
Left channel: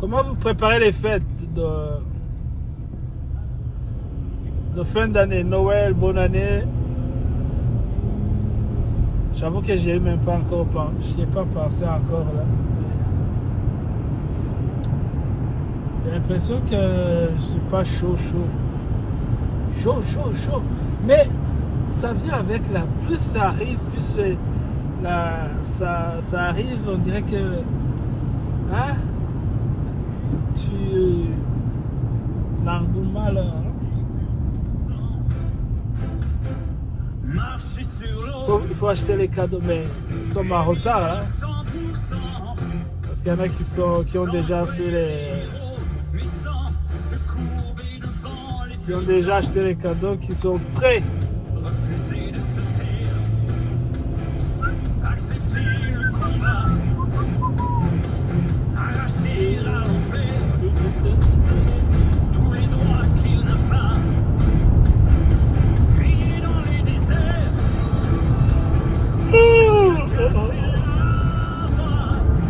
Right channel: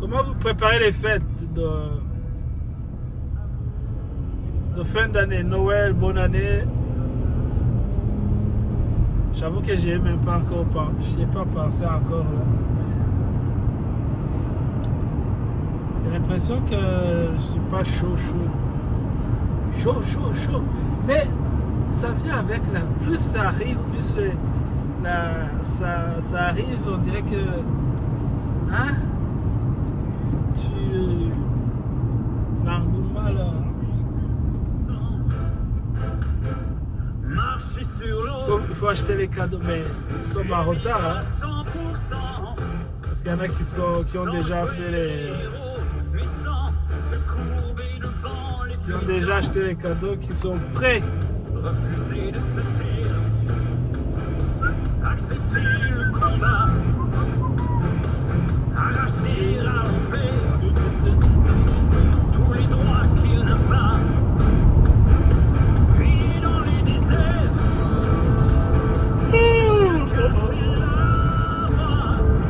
Comment vous préparez les fêtes de fin d'année, Noël, bonne année? J'avoue que j'ai même pas encore pensé, je sais pas penser encore là. J'ai l'impression que je suis pas chaud. Mais ça vient avec la. Plus ça arrive, plus ça arrive, on dirait que. Hein? L'engouement là. Il faut acheter les cadeaux, mais ils sont en retard. Hein? Parce qu'il y en a qui ont déjà fait qui ont déjà acheté les cadeaux, qui sont prêts.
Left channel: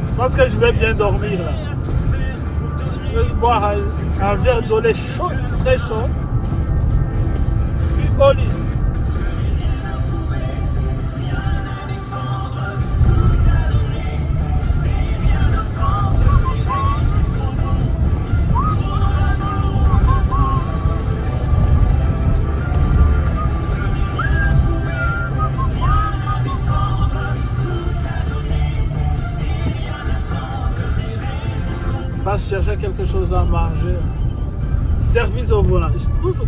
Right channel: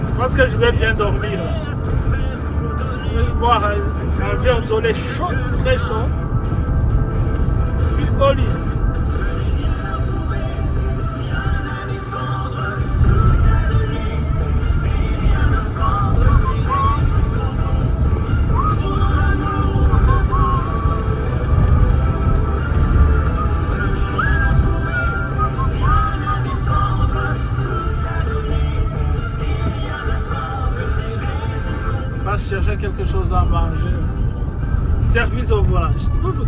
Je pense que je vais bien dormir là. Je vais boire un verre d'eau chaud, très chaud. Puis au lit. quelque chose à manger. Service au volant. Je trouve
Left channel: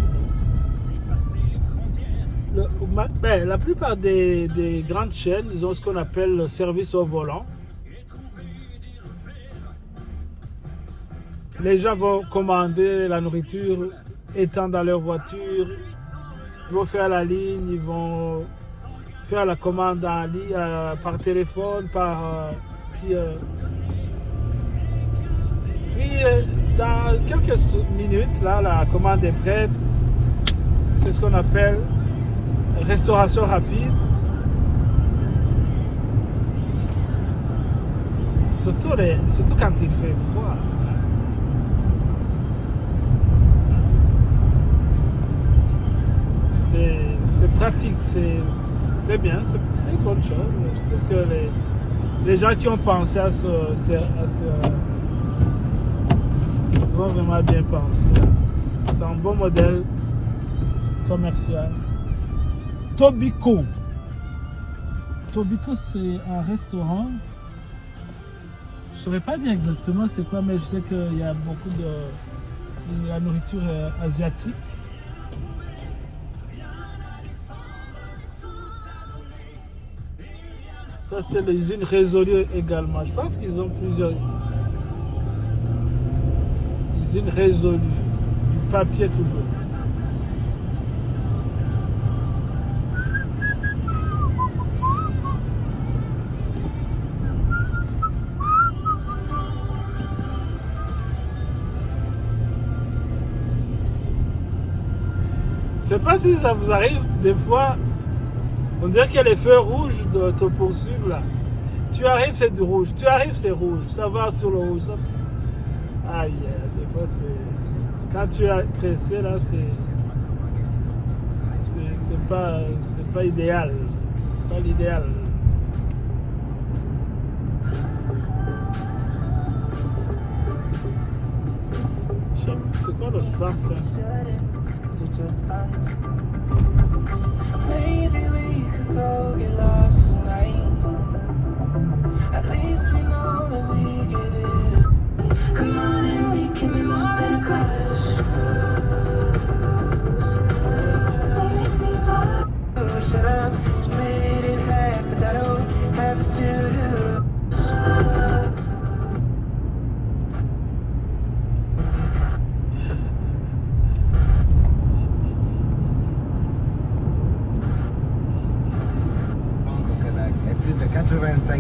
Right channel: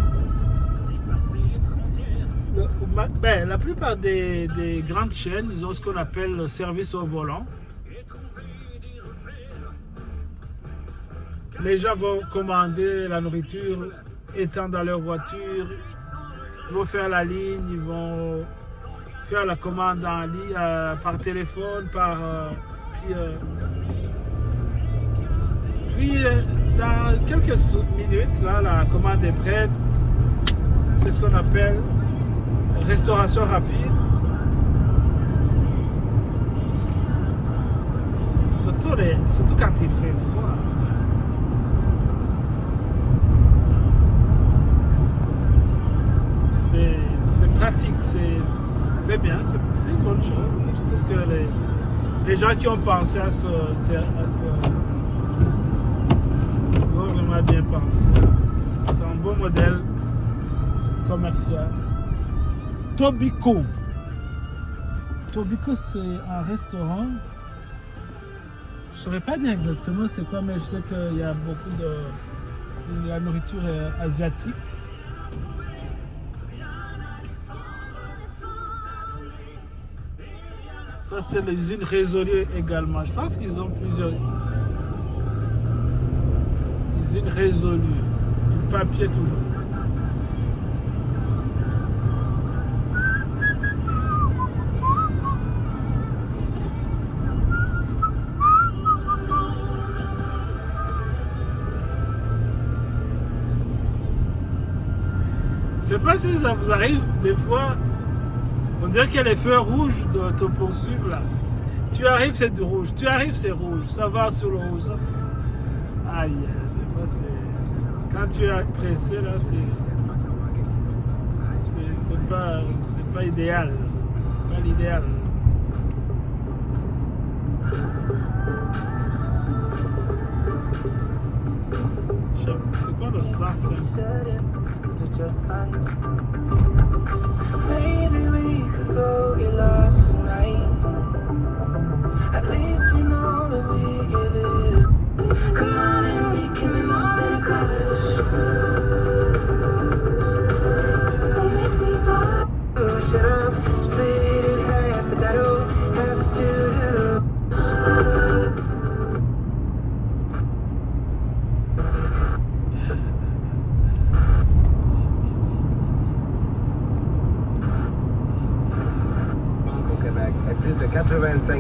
la plupart des grandes chaînes, ils ont ce qu'on appelle le service au volant. Les gens vont commander la nourriture étant dans leur voiture. Ils vont faire la ligne, ils vont faire la commande en ligne, par téléphone, puis dans quelques minutes, là, la commande est prête. C'est ce qu'on appelle restauration rapide. Surtout quand il fait froid. C'est pratique, c'est bien, c'est une bonne chose. Je trouve que les gens qui ont pensé à ce ils ont vraiment bien pensé. C'est un bon modèle commercial. Tobiko, c'est un restaurant. Je ne saurais pas dire exactement c'est quoi, mais je sais qu'il y a beaucoup de la nourriture asiatique. Ça, c'est l'usine Résolue également. Je pense qu'ils ont plusieurs usines Résolue. Du papier toujours. Je sais pas si ça vous arrive des fois. On dirait qu'il y a les feux rouges de te poursuivre là. Tu arrives, c'est du rouge. Tu arrives, c'est rouge. Ça va sur le rouge. Aïe, des fois c'est. Quand tu es pressé là, c'est pas idéal. C'est pas l'idéal. C'est quoi le sens?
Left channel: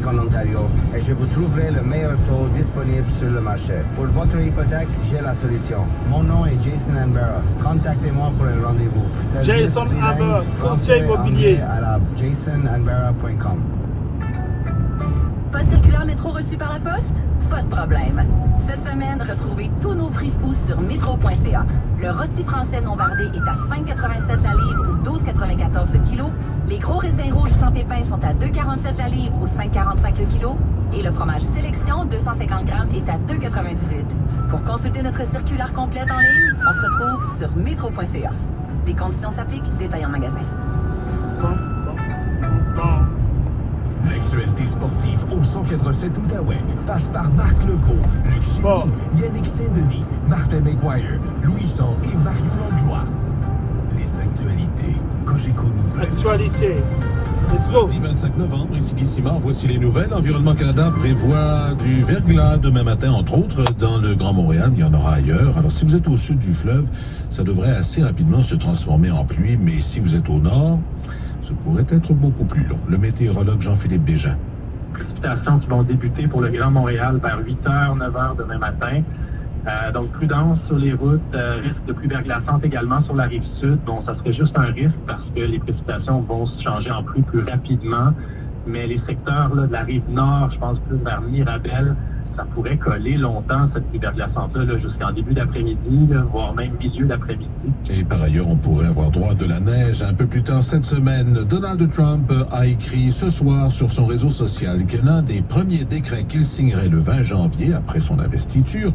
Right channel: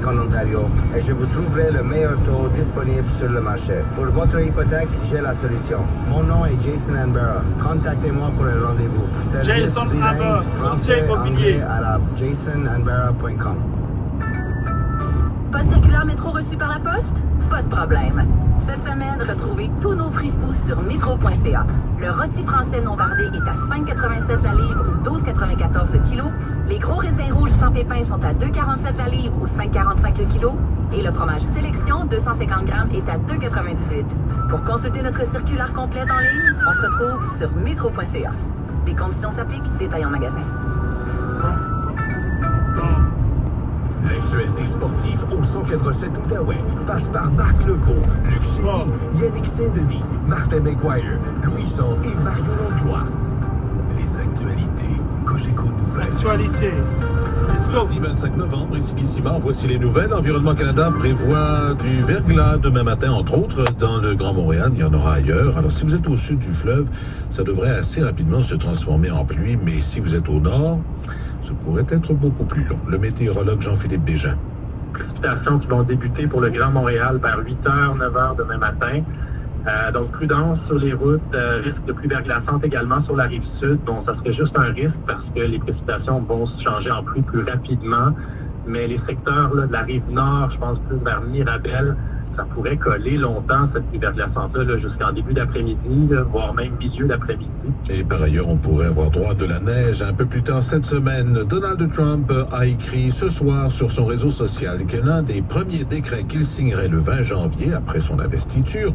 En Ontario et je vous trouverai le meilleur taux disponible sur le marché. Pour votre hypothèque, j'ai la solution. Mon nom est Jason Ambera. Contactez-moi pour un rendez-vous. Jason Ambera, courtier immobilier. À la jasonambera.com. Pas de circulaire métro reçu par la poste? Pas de problème. Cette semaine, retrouvez tous nos prix fous sur metro.ca. Le rôti français non bardé est à 5,87 la livre ou 12,94 le kilo. Les gros raisins rouges sans pépins sont à 2,47 la livre ou 5,45 le kilo. Et le fromage sélection 250 grammes est à 2,98. Pour consulter notre circulaire complète en ligne, on se retrouve sur metro.ca. Les conditions s'appliquent, détail en magasin. L'actualité sportive au 187 Outaouais passe par Marc Legault, Luc Chéry, Yannick Saint-Denis, Martin McGuire, Louis Son et Mario Langlois. Les actualités, Cogeco Nouvelles. Actualité. Let's go. Mardi 25 novembre, ici Guy-Simard, voici les nouvelles. Environnement Canada prévoit du verglas demain matin, entre autres, dans le Grand Montréal. Il y en aura ailleurs. Alors, si vous êtes au sud du fleuve, ça devrait assez rapidement se transformer en pluie. Mais si vous êtes au nord, ça pourrait être beaucoup plus long. Le météorologue Jean-Philippe Bégin. Précipitations qui vont débuter pour le Grand Montréal vers 8h, 9h demain matin. Donc, prudence sur les routes, risque de pluie verglaçante également sur la rive sud. Bon, ça serait juste un risque parce que les précipitations vont se changer en pluie plus rapidement. Mais les secteurs là, de la rive nord, je pense plus vers Mirabel, ça pourrait coller longtemps, cette pluie verglaçante-là, jusqu'en début d'après-midi, voire même milieu d'après-midi. Et par ailleurs, on pourrait avoir droit de la neige un peu plus tard cette semaine. Donald Trump a écrit ce soir sur son réseau social que l'un des premiers décrets qu'il signerait le 20 janvier, après son investiture,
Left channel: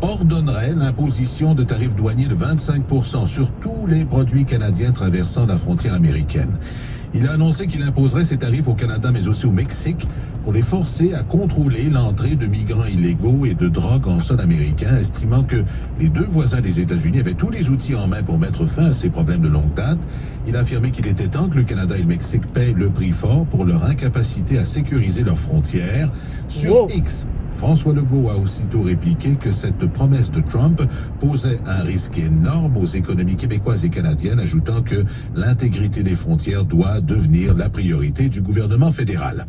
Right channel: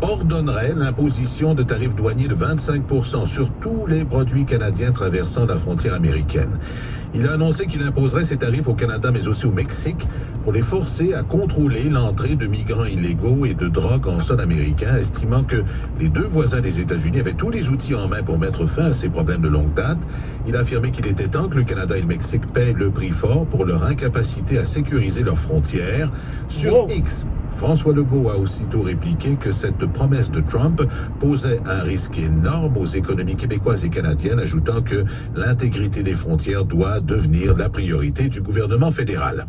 ordonnerait l'imposition de tarifs douaniers de 25% sur tous les produits canadiens traversant la frontière américaine. Il a annoncé qu'il imposerait ces tarifs au Canada, mais aussi au Mexique, pour les forcer à contrôler l'entrée de migrants illégaux et de drogue en sol américain, estimant que les deux voisins des États-Unis avaient tous les outils en main pour mettre fin à ces problèmes de longue date. Il a affirmé qu'il était temps que le Canada et le Mexique paient le prix fort pour leur incapacité à sécuriser leurs frontières. Sur X, François Legault a aussitôt répliqué que cette promesse de Trump posait un risque énorme aux économies québécoises et canadiennes, ajoutant que l'intégrité des frontières doit devenir la priorité du gouvernement fédéral.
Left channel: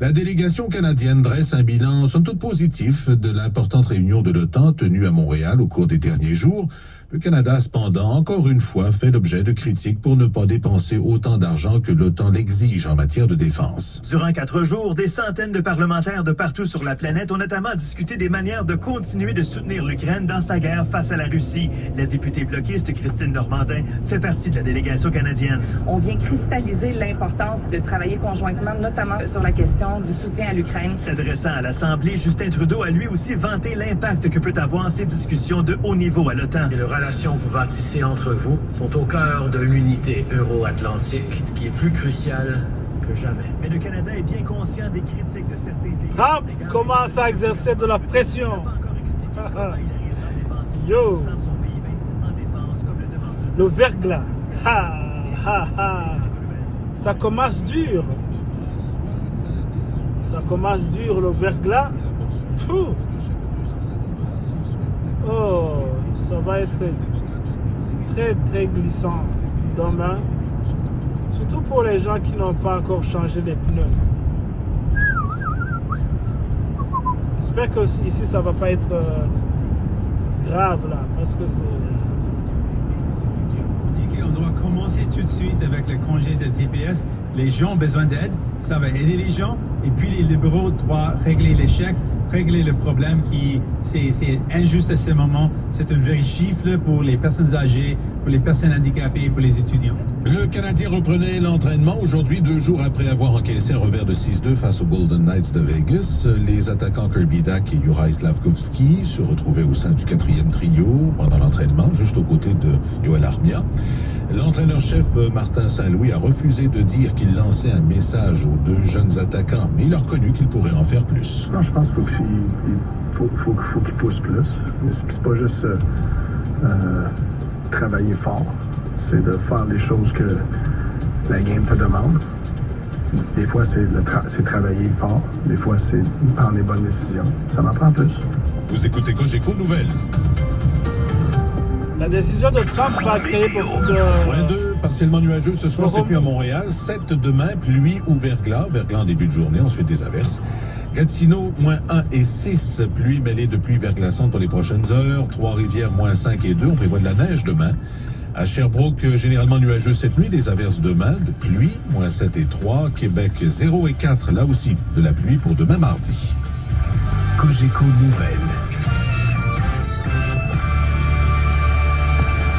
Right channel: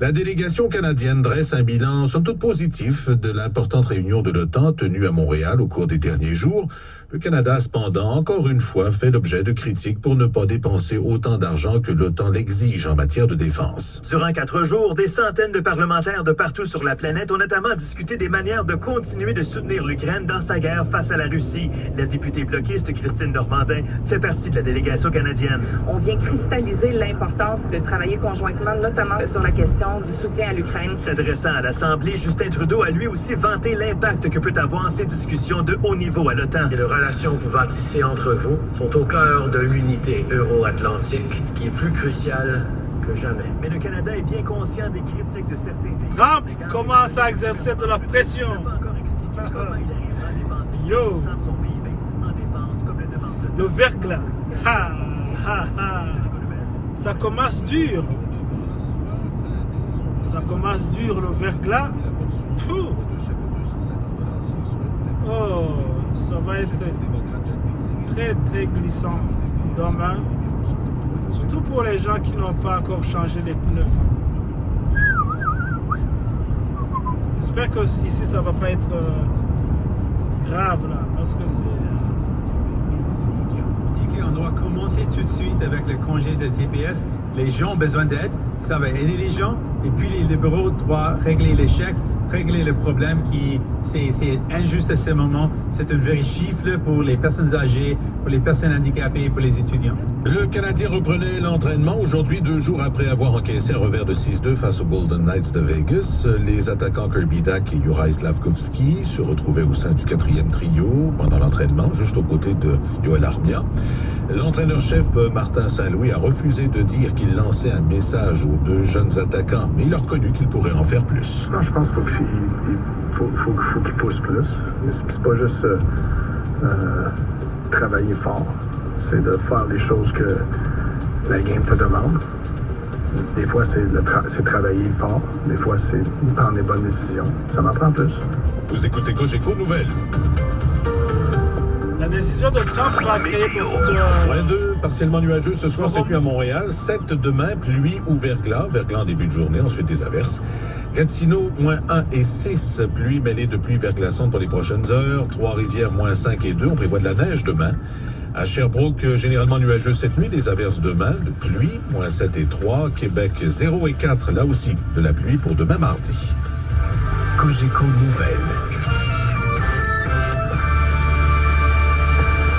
La délégation canadienne dresse un bilan somme toute positif de l'importante réunion de l'OTAN tenue à Montréal au cours des derniers jours. Le Canada a cependant, encore une fois, fait l'objet de critiques pour ne pas dépenser autant d'argent que l'OTAN l'exige en matière de défense. Durant 4 jours, des centaines de parlementaires de partout sur la planète ont notamment discuté des manières de continuer de soutenir l'Ukraine dans sa guerre face à la Russie. La députée bloquiste Christine Normandin fait partie de la délégation canadienne. On vient cristalliser l'importance de travailler conjointement, notamment sur la question du soutien à l'Ukraine. S'adressant à l'Assemblée, Justin Trudeau a lui aussi vanté l'impact que peut avoir ces discussions de haut niveau à l'OTAN. Les relations que vous bâtissez entre vous sont au cœur de l'unité euro-atlantique, qui est plus cruciale que jamais. Mais le Canada est bien conscient des critiques de certains pays. Trump commence à exercer de la pression. Yo! Le verglas. Ha, ha, ha. Ça commence dur. Ça commence dur, le verglas. Pfff. Oh, ça va être très, très glissant demain. Surtout pour les gens qui n'ont pas encore changé les pneus. J'espère que ici, ça va pas être grave là, parce que c'est... dit qu'on doit commencer tout de suite avec le congé de TPS. Les gens ont besoin d'aide, ça va aider les gens. Et puis les libéraux doivent régler les chèques, régler le problème qui c'est injuste à ce moment. C'est une vraie gifle pour les personnes âgées, pour les personnes handicapées et pour les étudiants. Le Canadien reprenait l'entraînement aujourd'hui, 2 jours après avoir encaissé un revers de 6-2 face aux Golden Knights de Vegas. Les attaquants Kirby Dach et Juraj Slafkovský se retrouvaient au sein du 4e trio pendant l'entraînement, juste aux côtés de Joel Armia. L'entraîneur-chef Martin Saint-Louis a refusé de dire qu'il lançait un message aux 2 jeunes attaquants, mais il a reconnu qu'il pourrait en faire plus. Non, je pense qu'il faut qu'il pousse plus. C'est pas juste travailler fort, c'est de faire des choses que la game te demande. Des fois, c'est travailler fort, des fois, c'est prendre des bonnes décisions. Ça m'en prend plus. Vous écoutez Cogeco Nouvelles. La décision de Trump va créer beaucoup de... Partiellement nuageux ce soir, c'est pluie à Montréal. 7 demain, pluie ou verglas. Verglas en début de journée, ensuite des averses. Gatineau, -1 et 6. Pluie mêlée de pluie verglaçante pour les prochaines heures. Trois-Rivières, -5 et 2. On prévoit de la neige demain. À Sherbrooke, généralement nuageux cette nuit, des averses demain, de pluie, -7 et 3. Québec, 0 et 4. Là aussi, de la pluie pour demain mardi. Cogeco Nouvelles.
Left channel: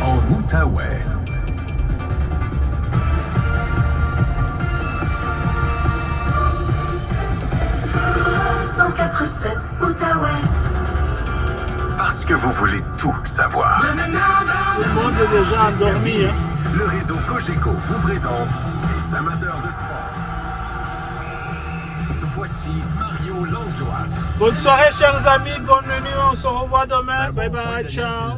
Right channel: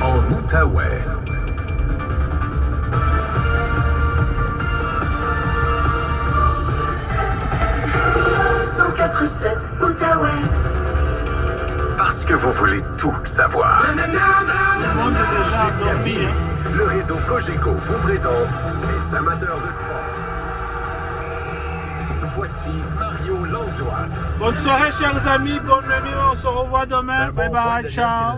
En Outaouais. Outaouais. Parce que vous voulez tout savoir. Tout le monde est déjà endormi. Hein? Le réseau Cogeco vous présente les amateurs de sport. Voici Mario Langlois. Bonne soirée, chers amis. Bonne nuit. On se revoit demain. Bye bye. Ciao.